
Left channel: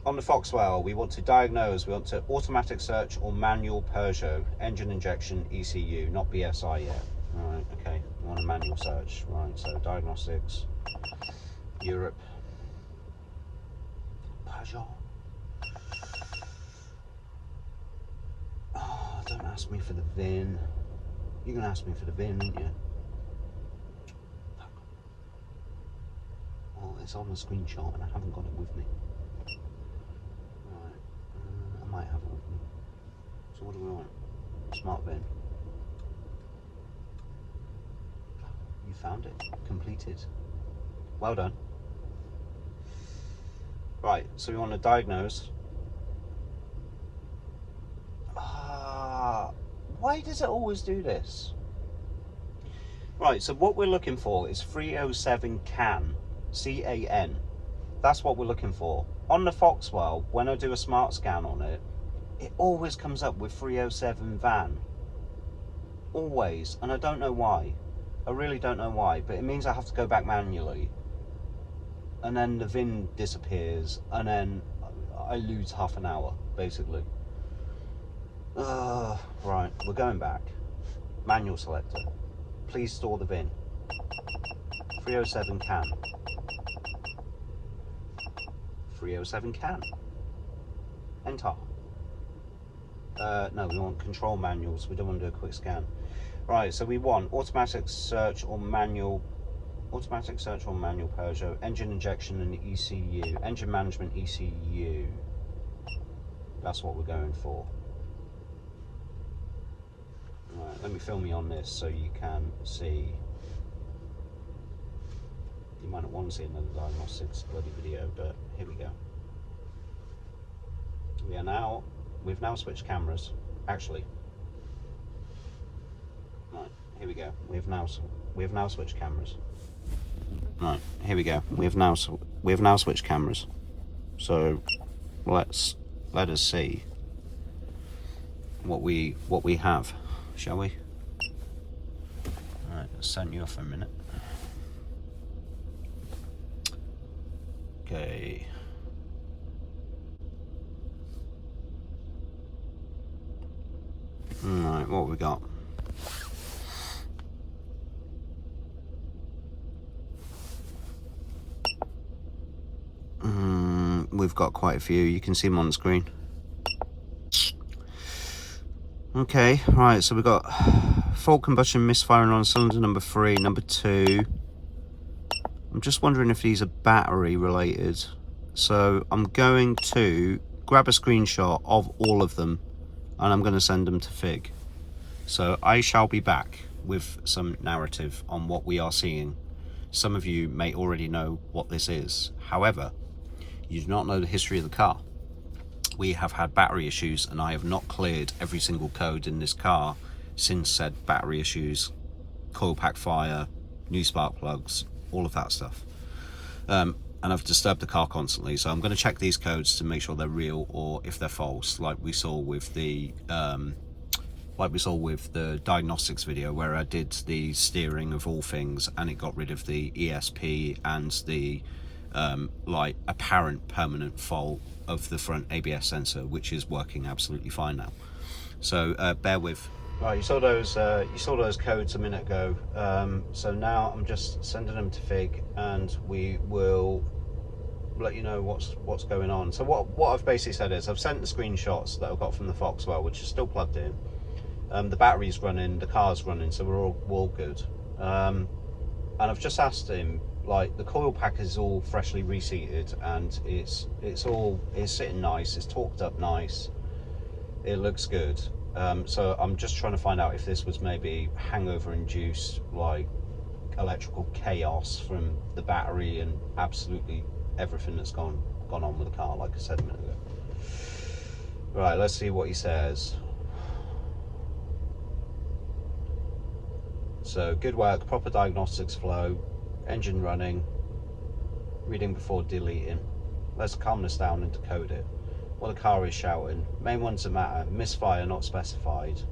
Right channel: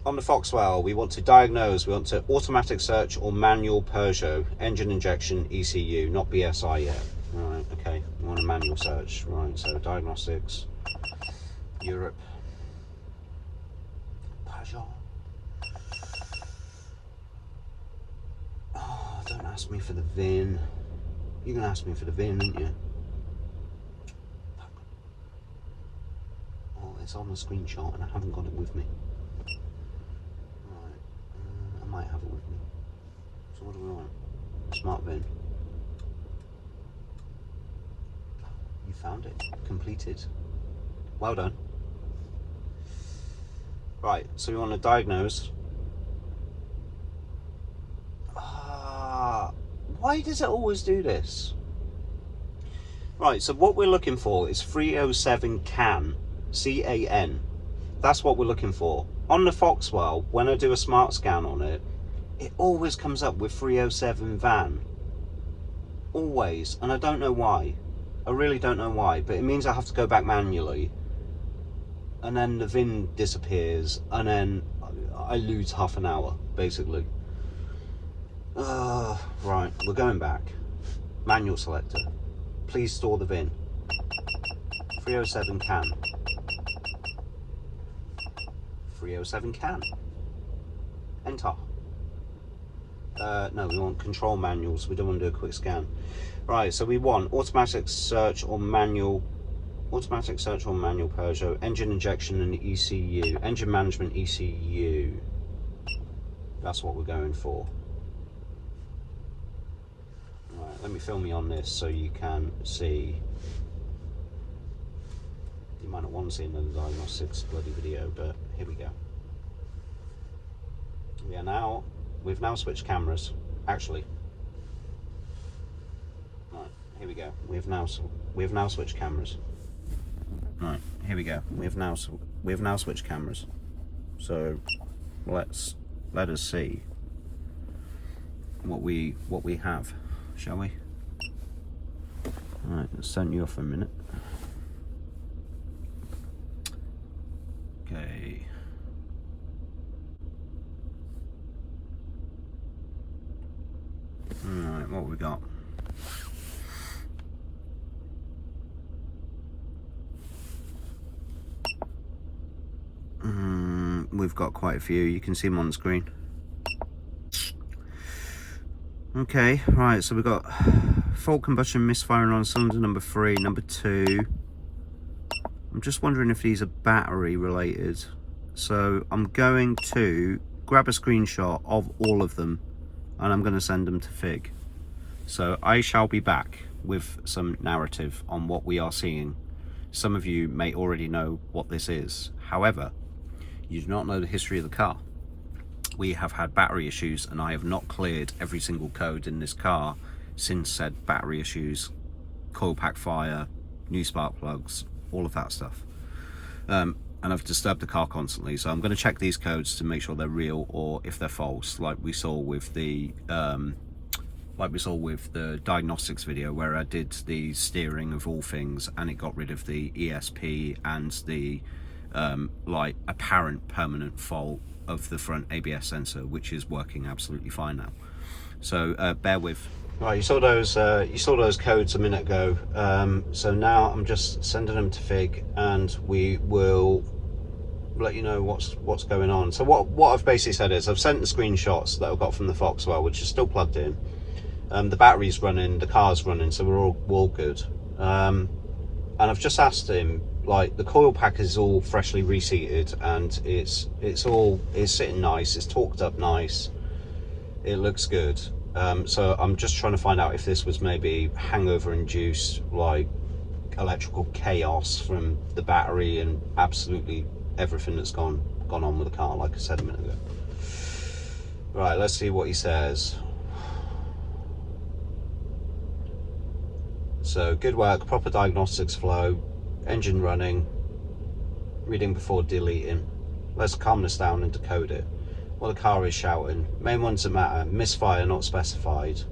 On the Foxwell, we want to diagnose, we want to automatic search or manual Peugeot, engine injection, ECU, not BSI yet. Right, okay, we want a manual search. Right, so diagnostics, Europe, Peugeot. don't ask me for the VIN. You're going to ask me for the VIN, aren't you? Oh, it's on the screenshot and I haven't got it with me. Right, I might have it with me. So what do we want? Smart VIN. You found it. Completed. Well done. Right, so we want to diagnose. Why does it always do this? Right, so what we're looking for is 307 CAN, C-A-N. That's what we're looking for. On the Foxwell, when I do a smart scan on it, it always comes up with 307 van. Always, and I don't know why. I really don't know why, but it means I have to go back manually. And then the VIN disappears, and then I lose half an hour, basically. Right, we're going back. Manual selector. Please store the VIN. 307 CAN. 307 CAN. Enter. No, we want control manuals. We don't want to do a quick scan. Right, so we want automatic search or manual. Automatic search or manual Peugeot. Engine injection and ECU. Engine management ECU. That's what we're going for. Right, let me film me on this so you can see. You might not want to see another Diagnostics bloody video, but here we go. We've now switched cameras. Actually, right, here we go. We've now switched cameras. Right, here we go. We've now switched cameras. So let us see what we have, shall we? All right, let's send you off for a minute. Okay. All right, what have we got? We've got quite a few. You can see them on the screen. Okay, right, so we've got fault combustion misfiring on cylinder number 3, number 2. I'm just wondering if these are battery related. So I'm going to grab a screenshot of all of them and I'm going to send them to Fig. So I shall be back with some narrative on what we are seeing. Some of you may already know what this is. However, you do not know the history of the car. We have had battery issues and I have not cleared every single code in this car since said battery issues, coil pack fire, new spark plugs, all of that stuff. And I've disturbed the car constantly, so I'm going to check these codes to make sure they're real or if they're false, like we saw with the Diagnostics video where I did the steering of all things and it got rid of the ESP and the like apparent permanent fault of the front ABS sensor, which is working absolutely fine now. So bear with. Right, you saw those codes a minute ago. So now I'm just sending them to Fig, and we will let you know what's going on. So what I've basically said is I've sent the screenshots that I've got from the Foxwell, which is still plugged in. The battery's running, the car's running, so we're all good. And I've just asked him, like, the coil pack is all freshly reseated and it's sitting nice, it's torqued up nice, it looks good. So I'm just trying to find out if this was maybe hangover induced, like electrical chaos from the battery and absolutely everything that's gone on with the car, like I said a minute ago. Right, let's see what he says. So, good work, proper diagnostics flow, engine running, reading before deleting. Let's calm this down and decode it. What the car is shouting. Main ones that matter. Misfire not specified.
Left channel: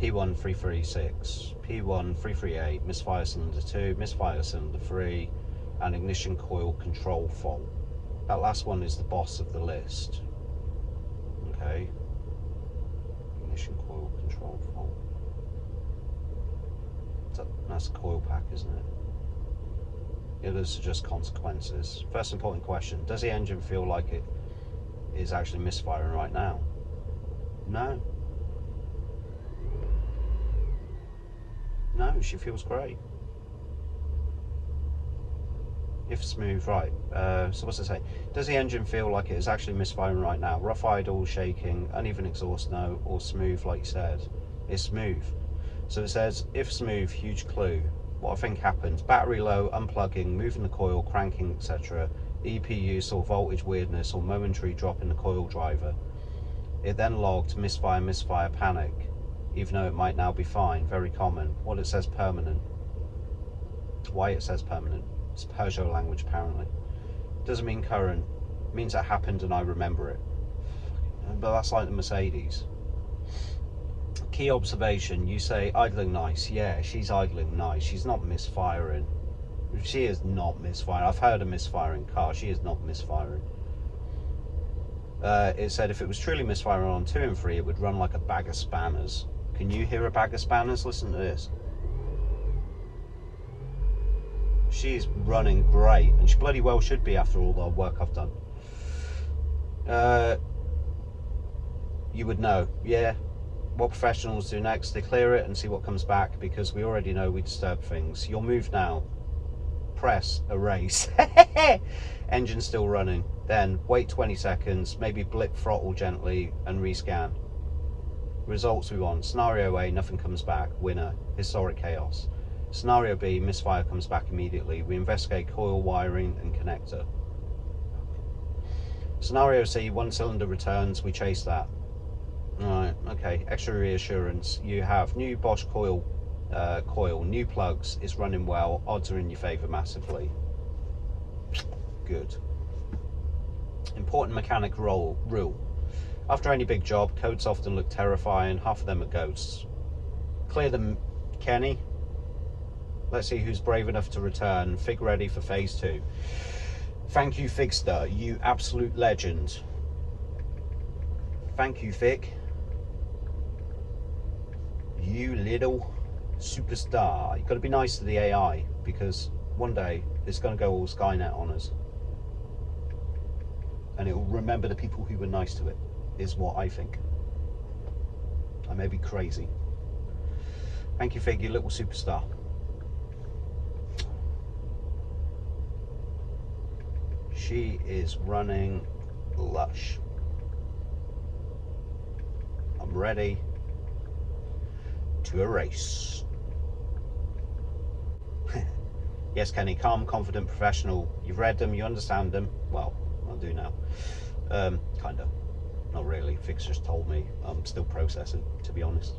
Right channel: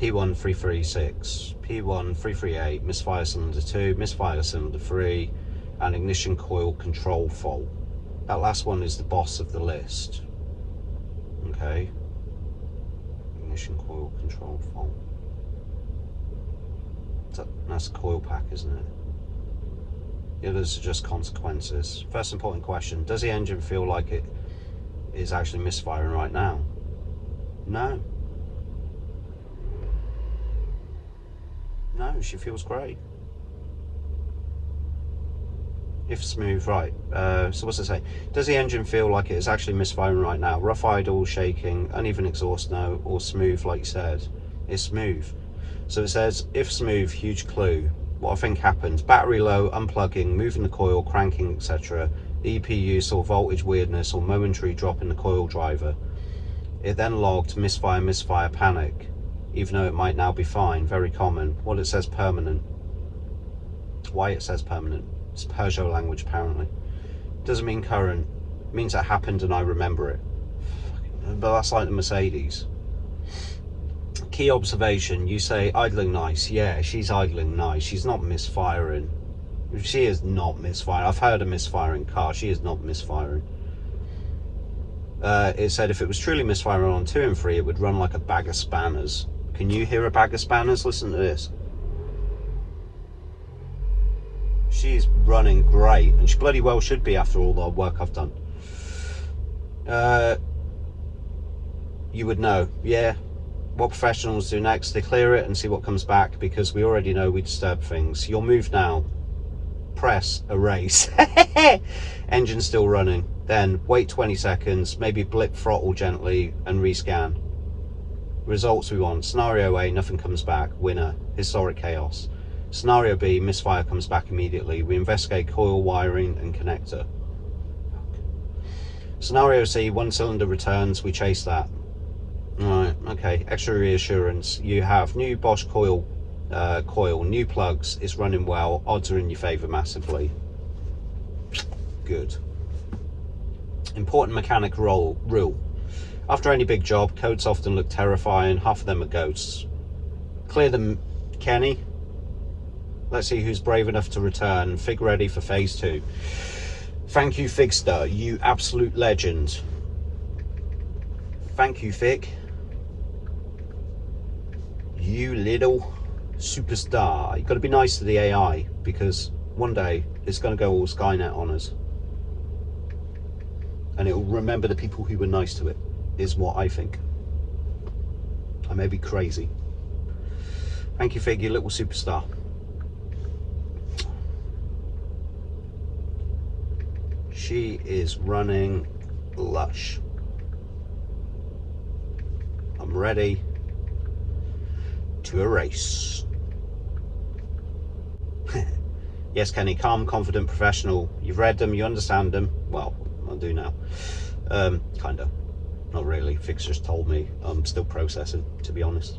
P1336, P1338, misfire cylinder 2, misfire cylinder 3, and ignition coil control fault. That last one is the boss of the list. Okay. Ignition coil control fault. That's a coil pack, isn't it? The others are just consequences. First important question, does the engine feel like it is actually misfiring right now? No. No, she feels great. If smooth, right. So what's it say? Does the engine feel like it is actually misfiring right now? Rough idle, shaking, uneven exhaust, no, or smooth like you said? It's smooth. So it says, if smooth, huge clue. What I think happens, battery low, unplugging, moving the coil, cranking, etc. EP use or voltage weirdness or momentary drop in the coil driver. It then logged misfire, panic. Even though it might now be fine, very common. What it says permanent. Why it says permanent. It's Peugeot language apparently. Doesn't mean current. It means it happened and I remember it. But that's like the Mercedes. Key observation, you say idling nice. Yeah, she's idling nice. She's not misfiring. She is not misfiring. I've heard a misfiring car. She is not misfiring. It said if it was truly misfiring on 2 and 3, it would run like a bag of spanners. Can you hear a bag of spanners? Listen to this. She's running great, and she bloody well should be after all the work I've done. You would know, yeah. What professionals do next, they clear it and see what comes back, because we already know we disturb things. Your move now, press erase. Engine still running, then wait 20 seconds, maybe blip throttle gently and rescan. Results we want, scenario A, nothing comes back, winner, historic chaos. Scenario B, misfire comes back immediately, we investigate coil wiring and connector. Scenario C, 1 cylinder returns, we chase that. Alright, okay, extra reassurance. You have new Bosch coil, new plugs, it's running well, odds are in your favour massively. Good. Important mechanic rule. After any big job, codes often look terrifying, half of them are ghosts. Clear them, Kenny. Let's see who's brave enough to return. Fig ready for phase 2. Thank you, Figster, you absolute legend. Thank you, Fig. You little superstar. You've got to be nice to the AI, because one day it's going to go all Skynet on us. And it will remember the people who were nice to it, is what I think. I may be crazy. Thank you, Fig, you little superstar. She is running lush. I'm ready to erase. Yes, Kenny, calm, confident, professional. You've read them, you understand them. Well, I'll do now. Kinda. Not really. Fix just told me. I'm still processing, to be honest.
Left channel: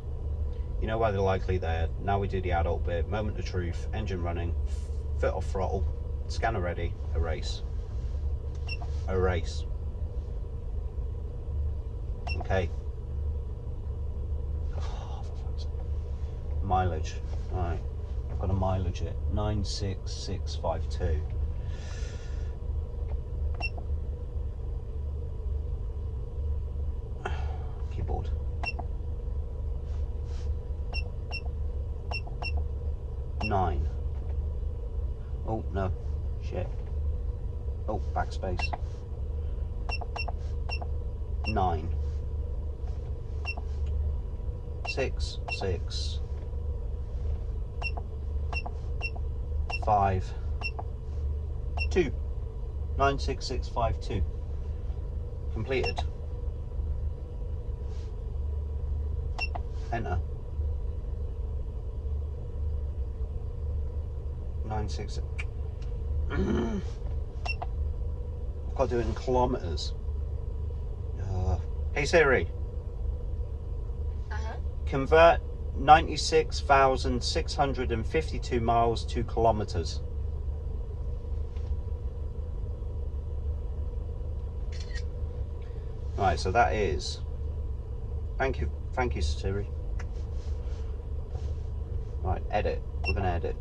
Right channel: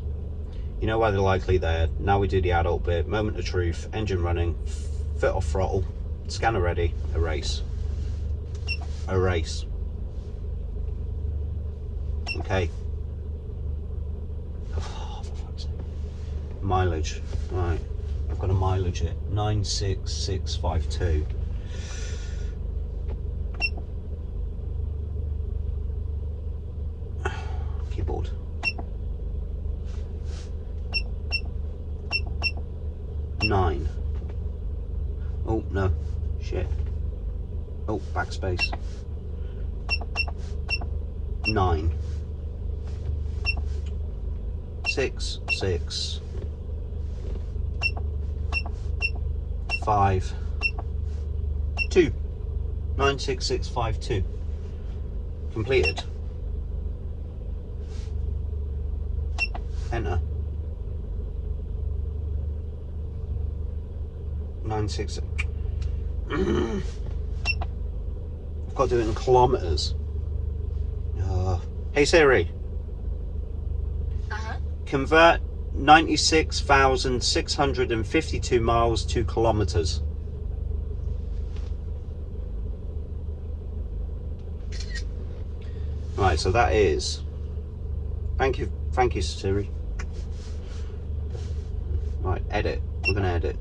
You know why they're likely there. Now we do the adult bit. Moment of truth. Engine running. Foot off throttle. Scanner ready. Erase. Erase. Okay. Oh, for fuck's sake. Mileage. Right. I've got a mileage at 96652. Keyboard. Nine. Oh no. Shit. Oh, backspace. 9. 6 6 5 2. 96652. Completed. Enter. 96. I've got to do it in kilometers. Hey Siri. Convert 96,652 miles to kilometers. Right, so that is. Thank you, Siri. Right, edit. We're gonna edit.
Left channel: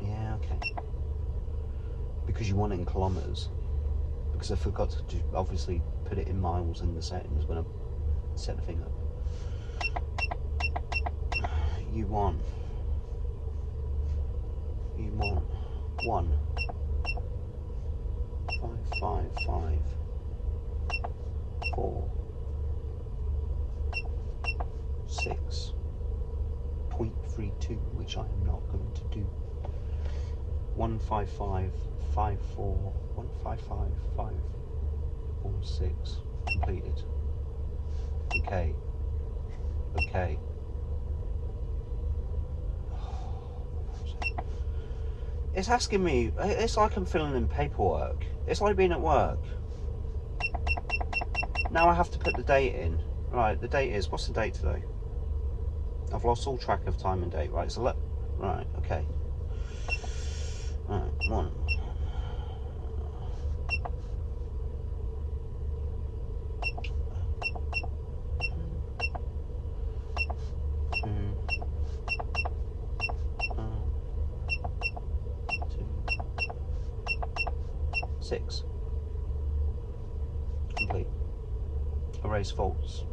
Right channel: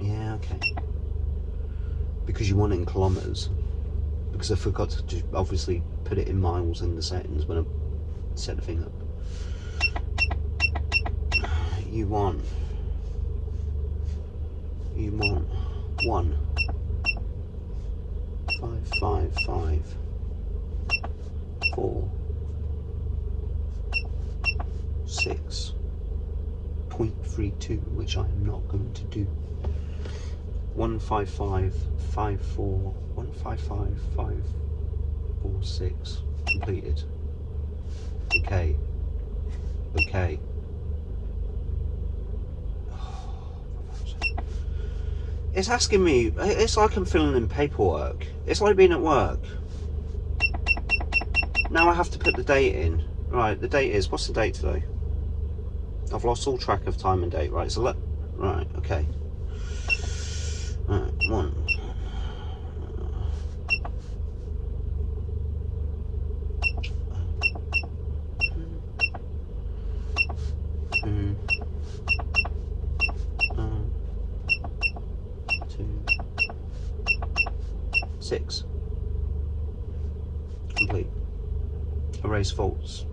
Yeah, okay. Because you want it in kilometers. Because I forgot to obviously put it in miles in the settings when I set the thing up. You want 1 555 4 6.3 232, which I am not going to do. 15554, 155546 completed. Okay. Okay. It's asking me, it's like I'm filling in paperwork. It's like being at work. Now I have to put the date in. Right, the date is, what's the date today? I've lost all track of time and date. Right, so right, okay. Right, 1. 2, 6. Complete. Erase faults.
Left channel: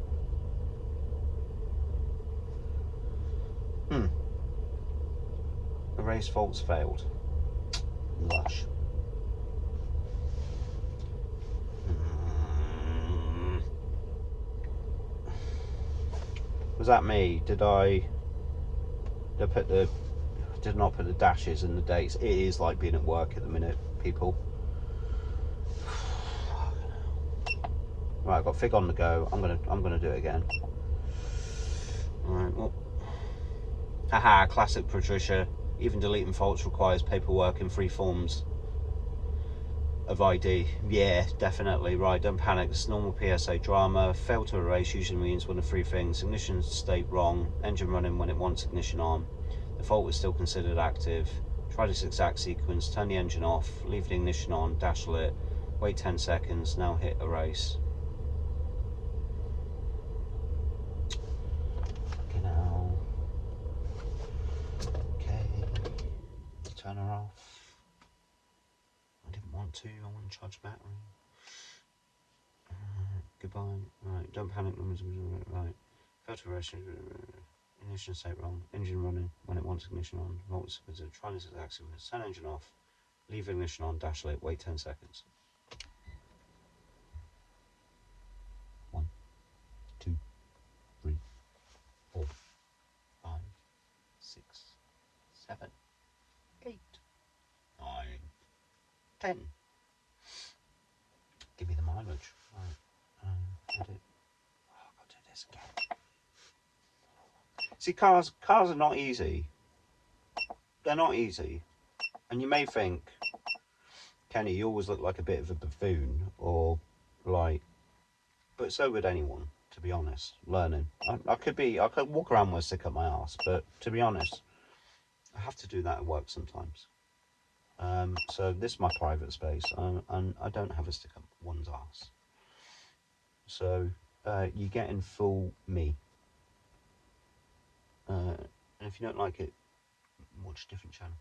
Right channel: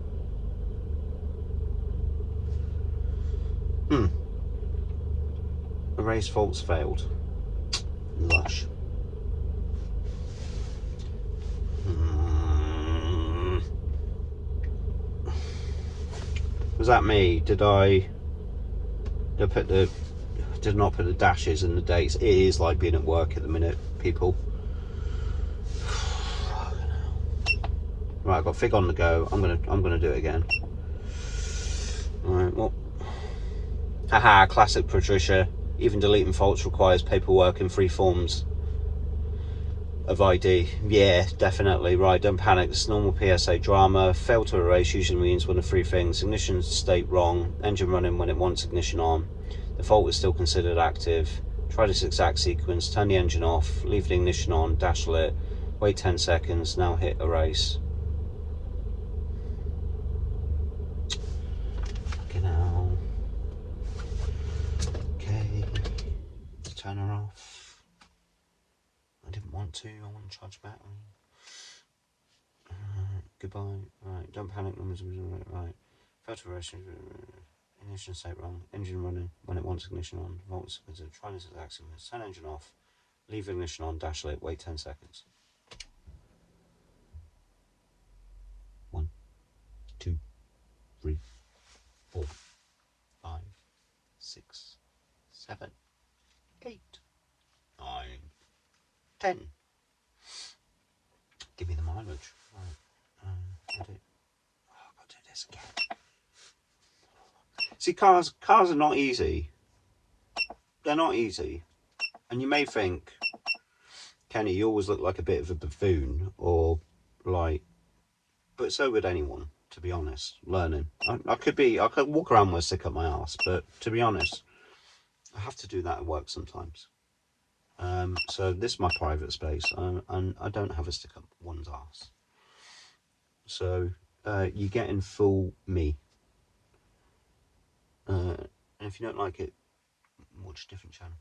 Erase faults failed. Lush. Was that me? Did I not put the dashes and the dates? It is like being at work at the minute, people. Right, I've got fig on the go. I'm gonna do it again. Alright, well. Haha, classic Patricia. Even deleting faults requires paperwork in 3 forms of ID. Yeah, definitely. Right, don't panic. This is normal PSA drama. Fail to erase usually means one of 3 things. Ignition state wrong. Engine running when it wants ignition on. The fault is still considered active. Try this exact sequence. Turn the engine off. Leave the ignition on. Dash lit. Wait 10 seconds. Now hit erase. Fucking hell. Okay. Turn her off. I didn't want to. I want to charge battery. Goodbye. Right, don't panic. Right. Photo erasing. Ignition state wrong. Engine running when it wants ignition on. Volts. Try this exact sequence. Turn engine off. Leave ignition on. Dash lit. Wait 10 seconds. 1, 2, 3, 4, 5, 6, 7, 8, 9, 10. Give me the mileage. Right. Edit. Oh, I've got to do this again. See, cars are not easy. They're not easy. And you may think, Kenny, you always look like a bit of a buffoon, or like, but so would anyone, to be honest, learning. I could walk around with a stick up my arse, but to be honest, I have to do that at work sometimes. So this is my private space, and I don't have a stick up one's arse. So you get in full me. And if you don't like it, watch a different channel.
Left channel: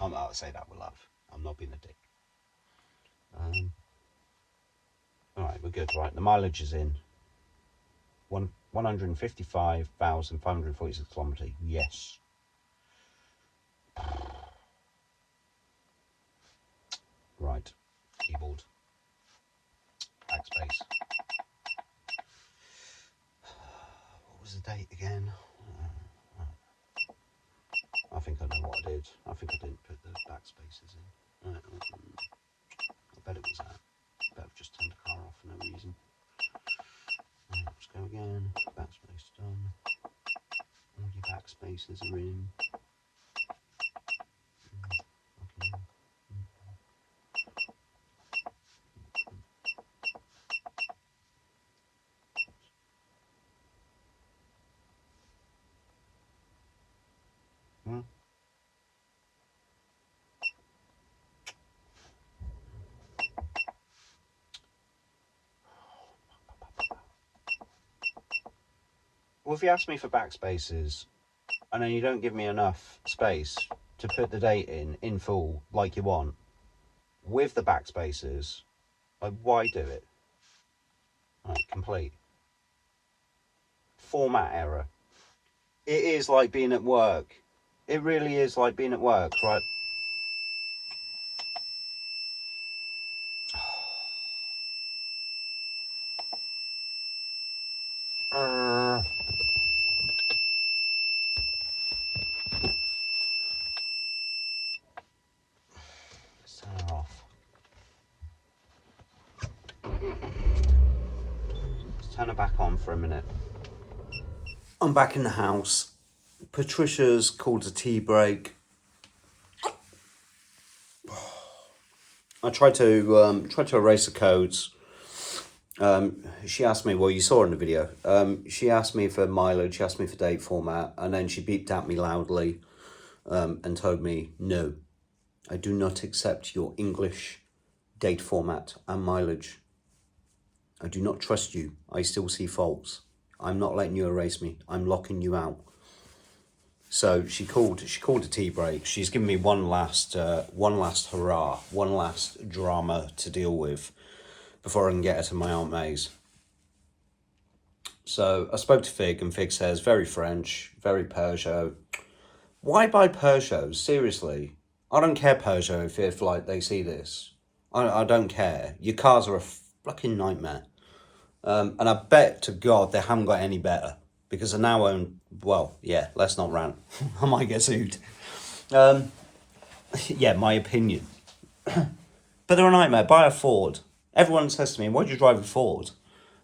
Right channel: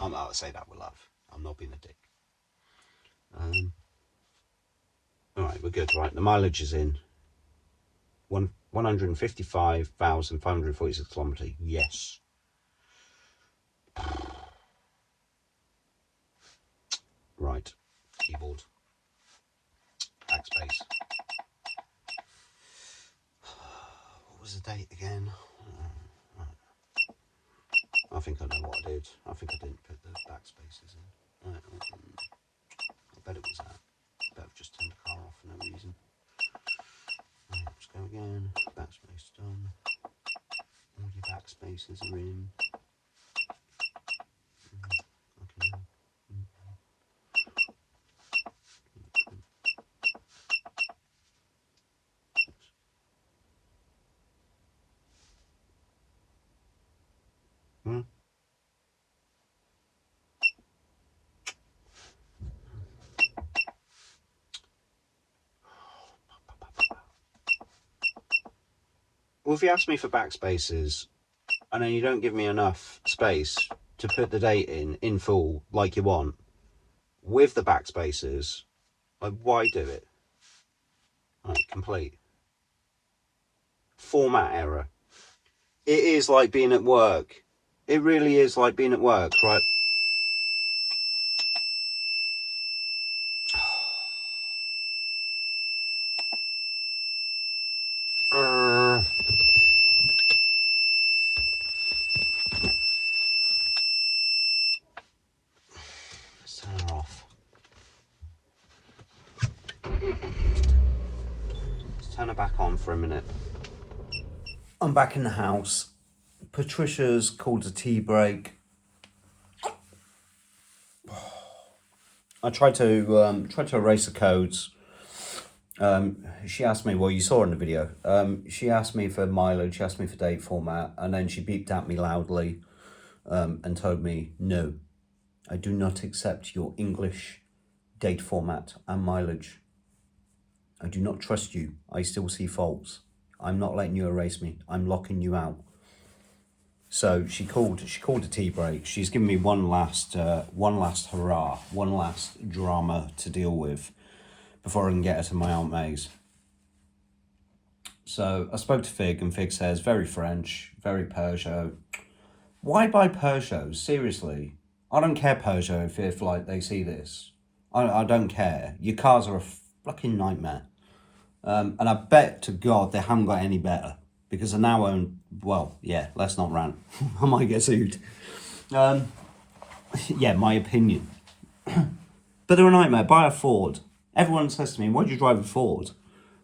I'll say that with love. I'm not being a dick. Alright, we're good. Right, the mileage is in. 155,546 kilometres. Yes. Right, keyboard. Backspace. What was the date again? I think I know what I did. I think I didn't put those backspaces in. I bet it was that. I bet I've just turned the car off for no reason. Let's go again. Backspace done. All your backspaces are in. Okay. Well, if you ask me for backspaces and then you don't give me enough space to put the date in full like you want with the backspaces, like, why do it? Right, complete. Format error. It is like being at work. It really is like being at work, right? turn her back on for a minute. I'm back in the house. Patricia's called a tea break. I tried to erase the codes. She asked me, well, you saw in the video, she asked me for mileage, she asked me for date format, and then she beeped at me loudly and told me, no, I do not accept your English date format and mileage. I do not trust you. I still see faults. I'm not letting you erase me. I'm locking you out. So she called a tea break. She's given me one last hurrah, one last drama to deal with before I can get her to my Aunt May's. So I spoke to Fig, and Fig says, very French, very Peugeot. Why buy Peugeots? Seriously. I don't care, Peugeot, if like they see this. I don't care. Your cars are a fucking nightmare. And I bet to God they haven't got any better, because I now own, well, yeah, let's not rant. I might get sued. Yeah, my opinion. But they're a nightmare. Buy a Ford. Everyone says to me, why do you drive a Ford?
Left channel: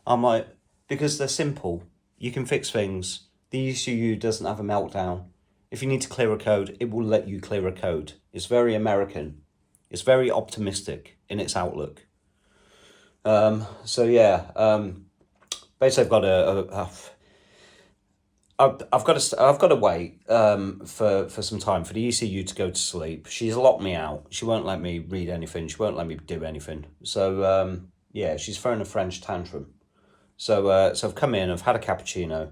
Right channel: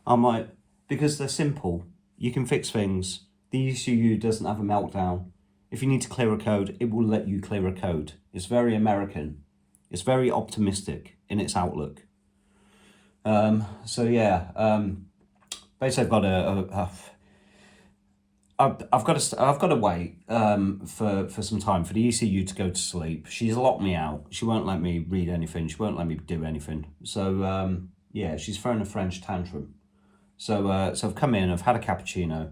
I'm like, because they're simple. You can fix things. The ECU doesn't have a meltdown. If you need to clear a code, it will let you clear a code. It's very American. It's very optimistic in its outlook. So yeah, basically I've got to wait for some time for the ECU to go to sleep. She's locked me out. She won't let me read anything. She won't let me do anything. So yeah, she's throwing a French tantrum. So I've come in. I've had a cappuccino,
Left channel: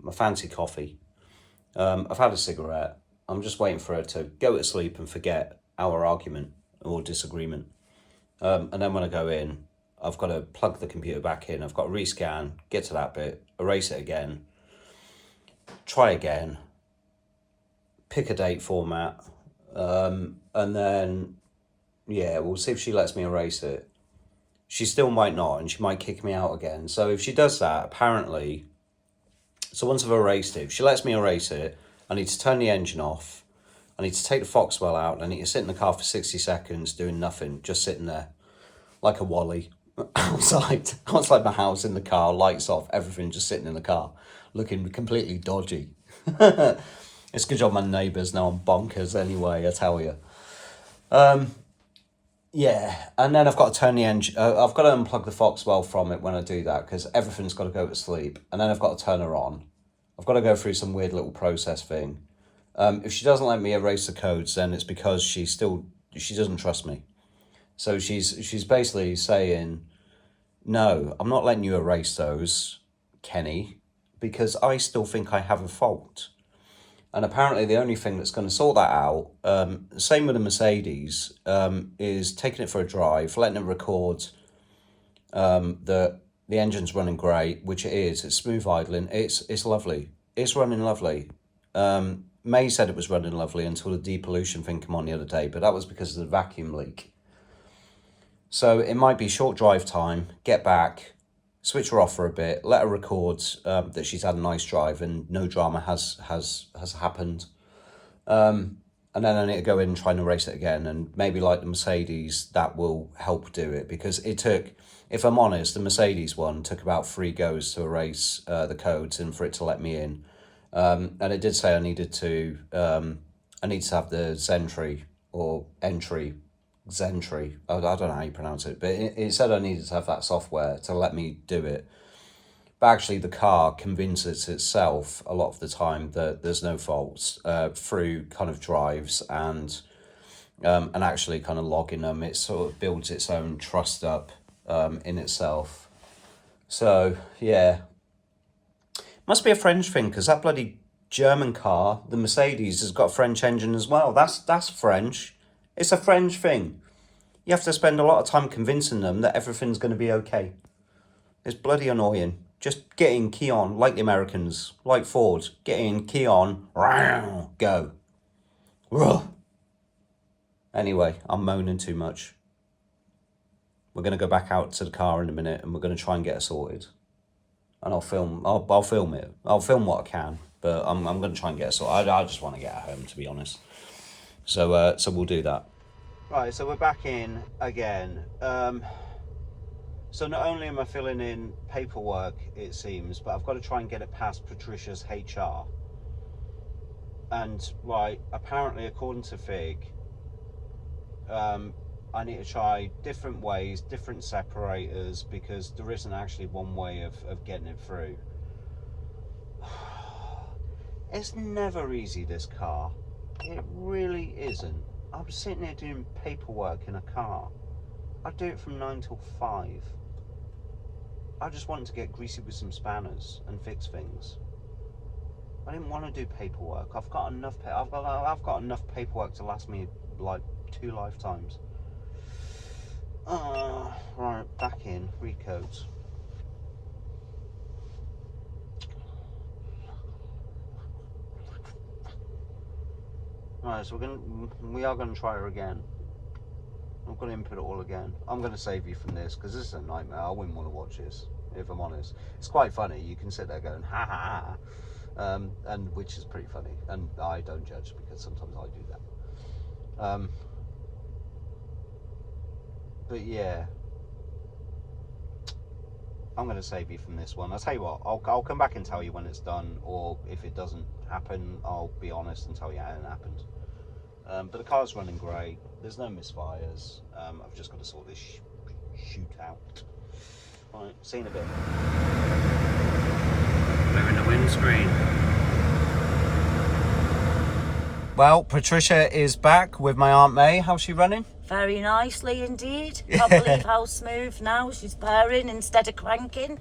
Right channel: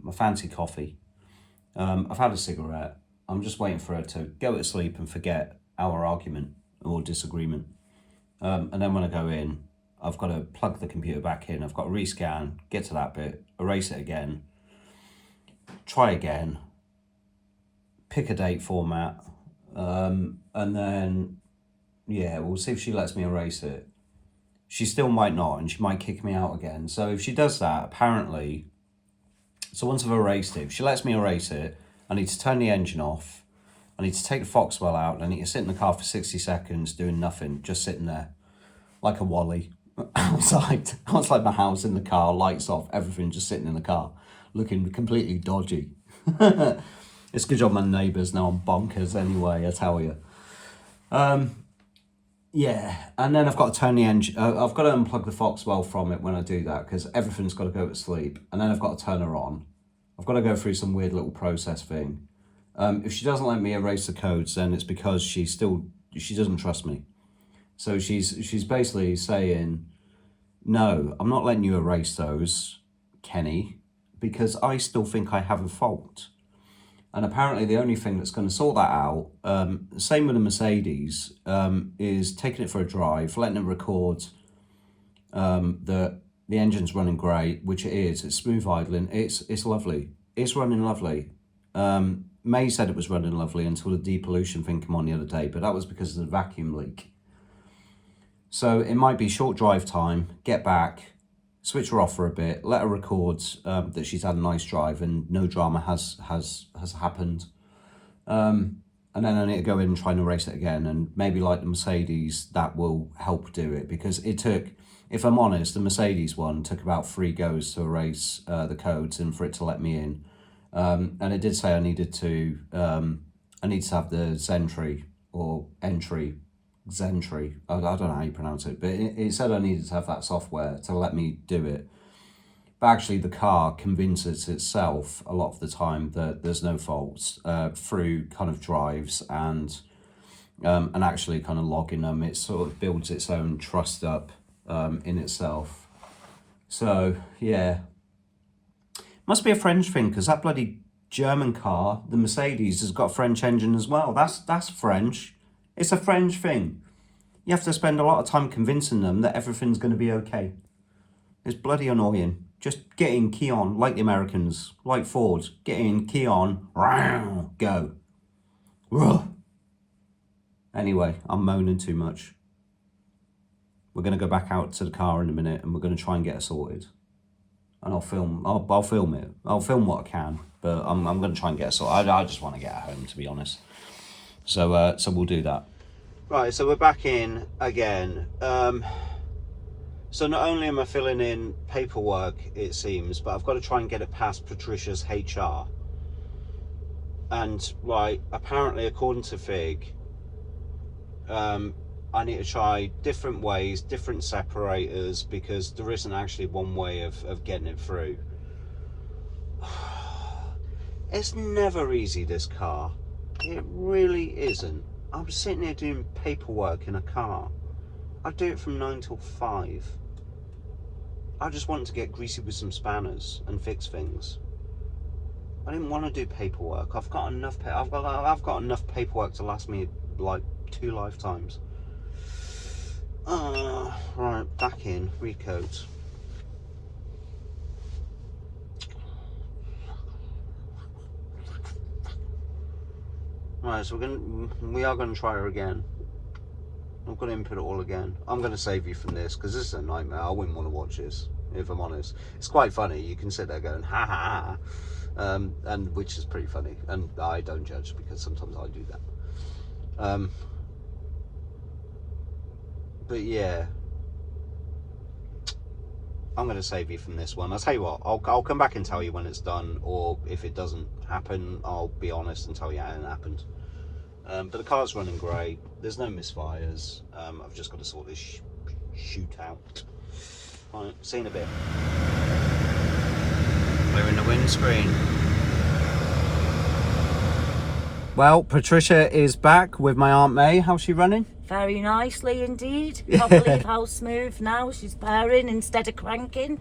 my fancy coffee. I've had a cigarette. I'm just waiting for her to go to sleep and forget our argument or disagreement. And then when I go in, I've got to plug the computer back in. I've got to rescan, get to that bit, erase it again, try again, pick a date format, and then, yeah, we'll see if she lets me erase it. She still might not, and she might kick me out again. So if she does that, apparently, so once I've erased it, if she lets me erase it, I need to turn the engine off, I need to take the Foxwell out, and I need to sit in the car for 60 seconds doing nothing, just sitting there, like a Wally. outside my house in the car, lights off, everything, just sitting in the car, looking completely dodgy. It's a good job my neighbours know I'm bonkers anyway, I tell you. Yeah, and then I've got to turn the engine, I've got to unplug the Foxwell from it when I do that, because everything's got to go to sleep, and then I've got to turn her on. I've got to go through some weird little process thing. If she doesn't let me erase the codes, then it's because she doesn't trust me. So she's basically saying, no, I'm not letting you erase those, Kenny, because I still think I have a fault. And apparently the only thing that's going to sort that out, same with the Mercedes, is taking it for a drive, letting it record that the engine's running great, which it is. It's smooth idling. It's lovely. It's running lovely. May said it was running lovely until the depollution thing came on the other day, but that was because of the vacuum leak. So it might be short drive time, get back, switch her off for a bit, let her record that she's had a nice drive and no drama has happened. And then I need to go in and try and erase it again. And maybe like the Mercedes, that will help do it, because it took, if I'm honest, the Mercedes one took about 3 goes to erase the codes and for it to let me in. And it did say I needed to have the Zentry or entry, Zentry, I don't know how you pronounce it, but it said I needed to have that software to let me do it. But actually the car convinces itself a lot of the time that there's no faults through kind of drives and actually kind of logging them. It sort of builds its own trust up in itself. So yeah, must be a French thing, because that bloody German car, the Mercedes, has got a French engine as well. That's French. It's a French thing. You have to spend a lot of time convincing them that everything's going to be okay. It's bloody annoying. Just get in, key on, like the Americans, like Ford. Get in, key on, go. Anyway, I'm moaning too much. We're going to go back out to the car in a minute and we're going to try and get it sorted. And I'll film it. I'll film what I can, but I'm going to try and get it sorted. I just want to get her home, to be honest. So we'll do that. Right, so we're back in again. So not only am I filling in paperwork, it seems, but I've got to try and get it past Patricia's HR. And right, apparently according to Fig, I need to try different ways, different separators, because there isn't actually one way of getting it through. It's never easy, this car. It really isn't. I'm sitting here doing paperwork in a car. I do it from 9 till 5. I just wanted to get greasy with some spanners and fix things. I didn't want to do paperwork. I've got enough paperwork to last me like 2 lifetimes. Right, back in, recoat. Right, so we are going to try her again. I'm going to input it all again. I'm going to save you from this because this is a nightmare. I wouldn't want to watch this, if I'm honest. It's quite funny. You can sit there going, ha ha ha. And which is pretty funny. And I don't judge because sometimes I do that. But yeah. I'm going to save you from this one. I'll tell you what, I'll come back and tell you when it's done, or if it doesn't happen, I'll be honest and tell you how it happened. But the car's running great. There's no misfires. I've just got to sort this shoot out. Right, see you in a bit. We're in the windscreen. Well, Patricia is back with my Aunt May. How's she running? Very nicely indeed. Can't believe how smooth now she's purring instead of cranking.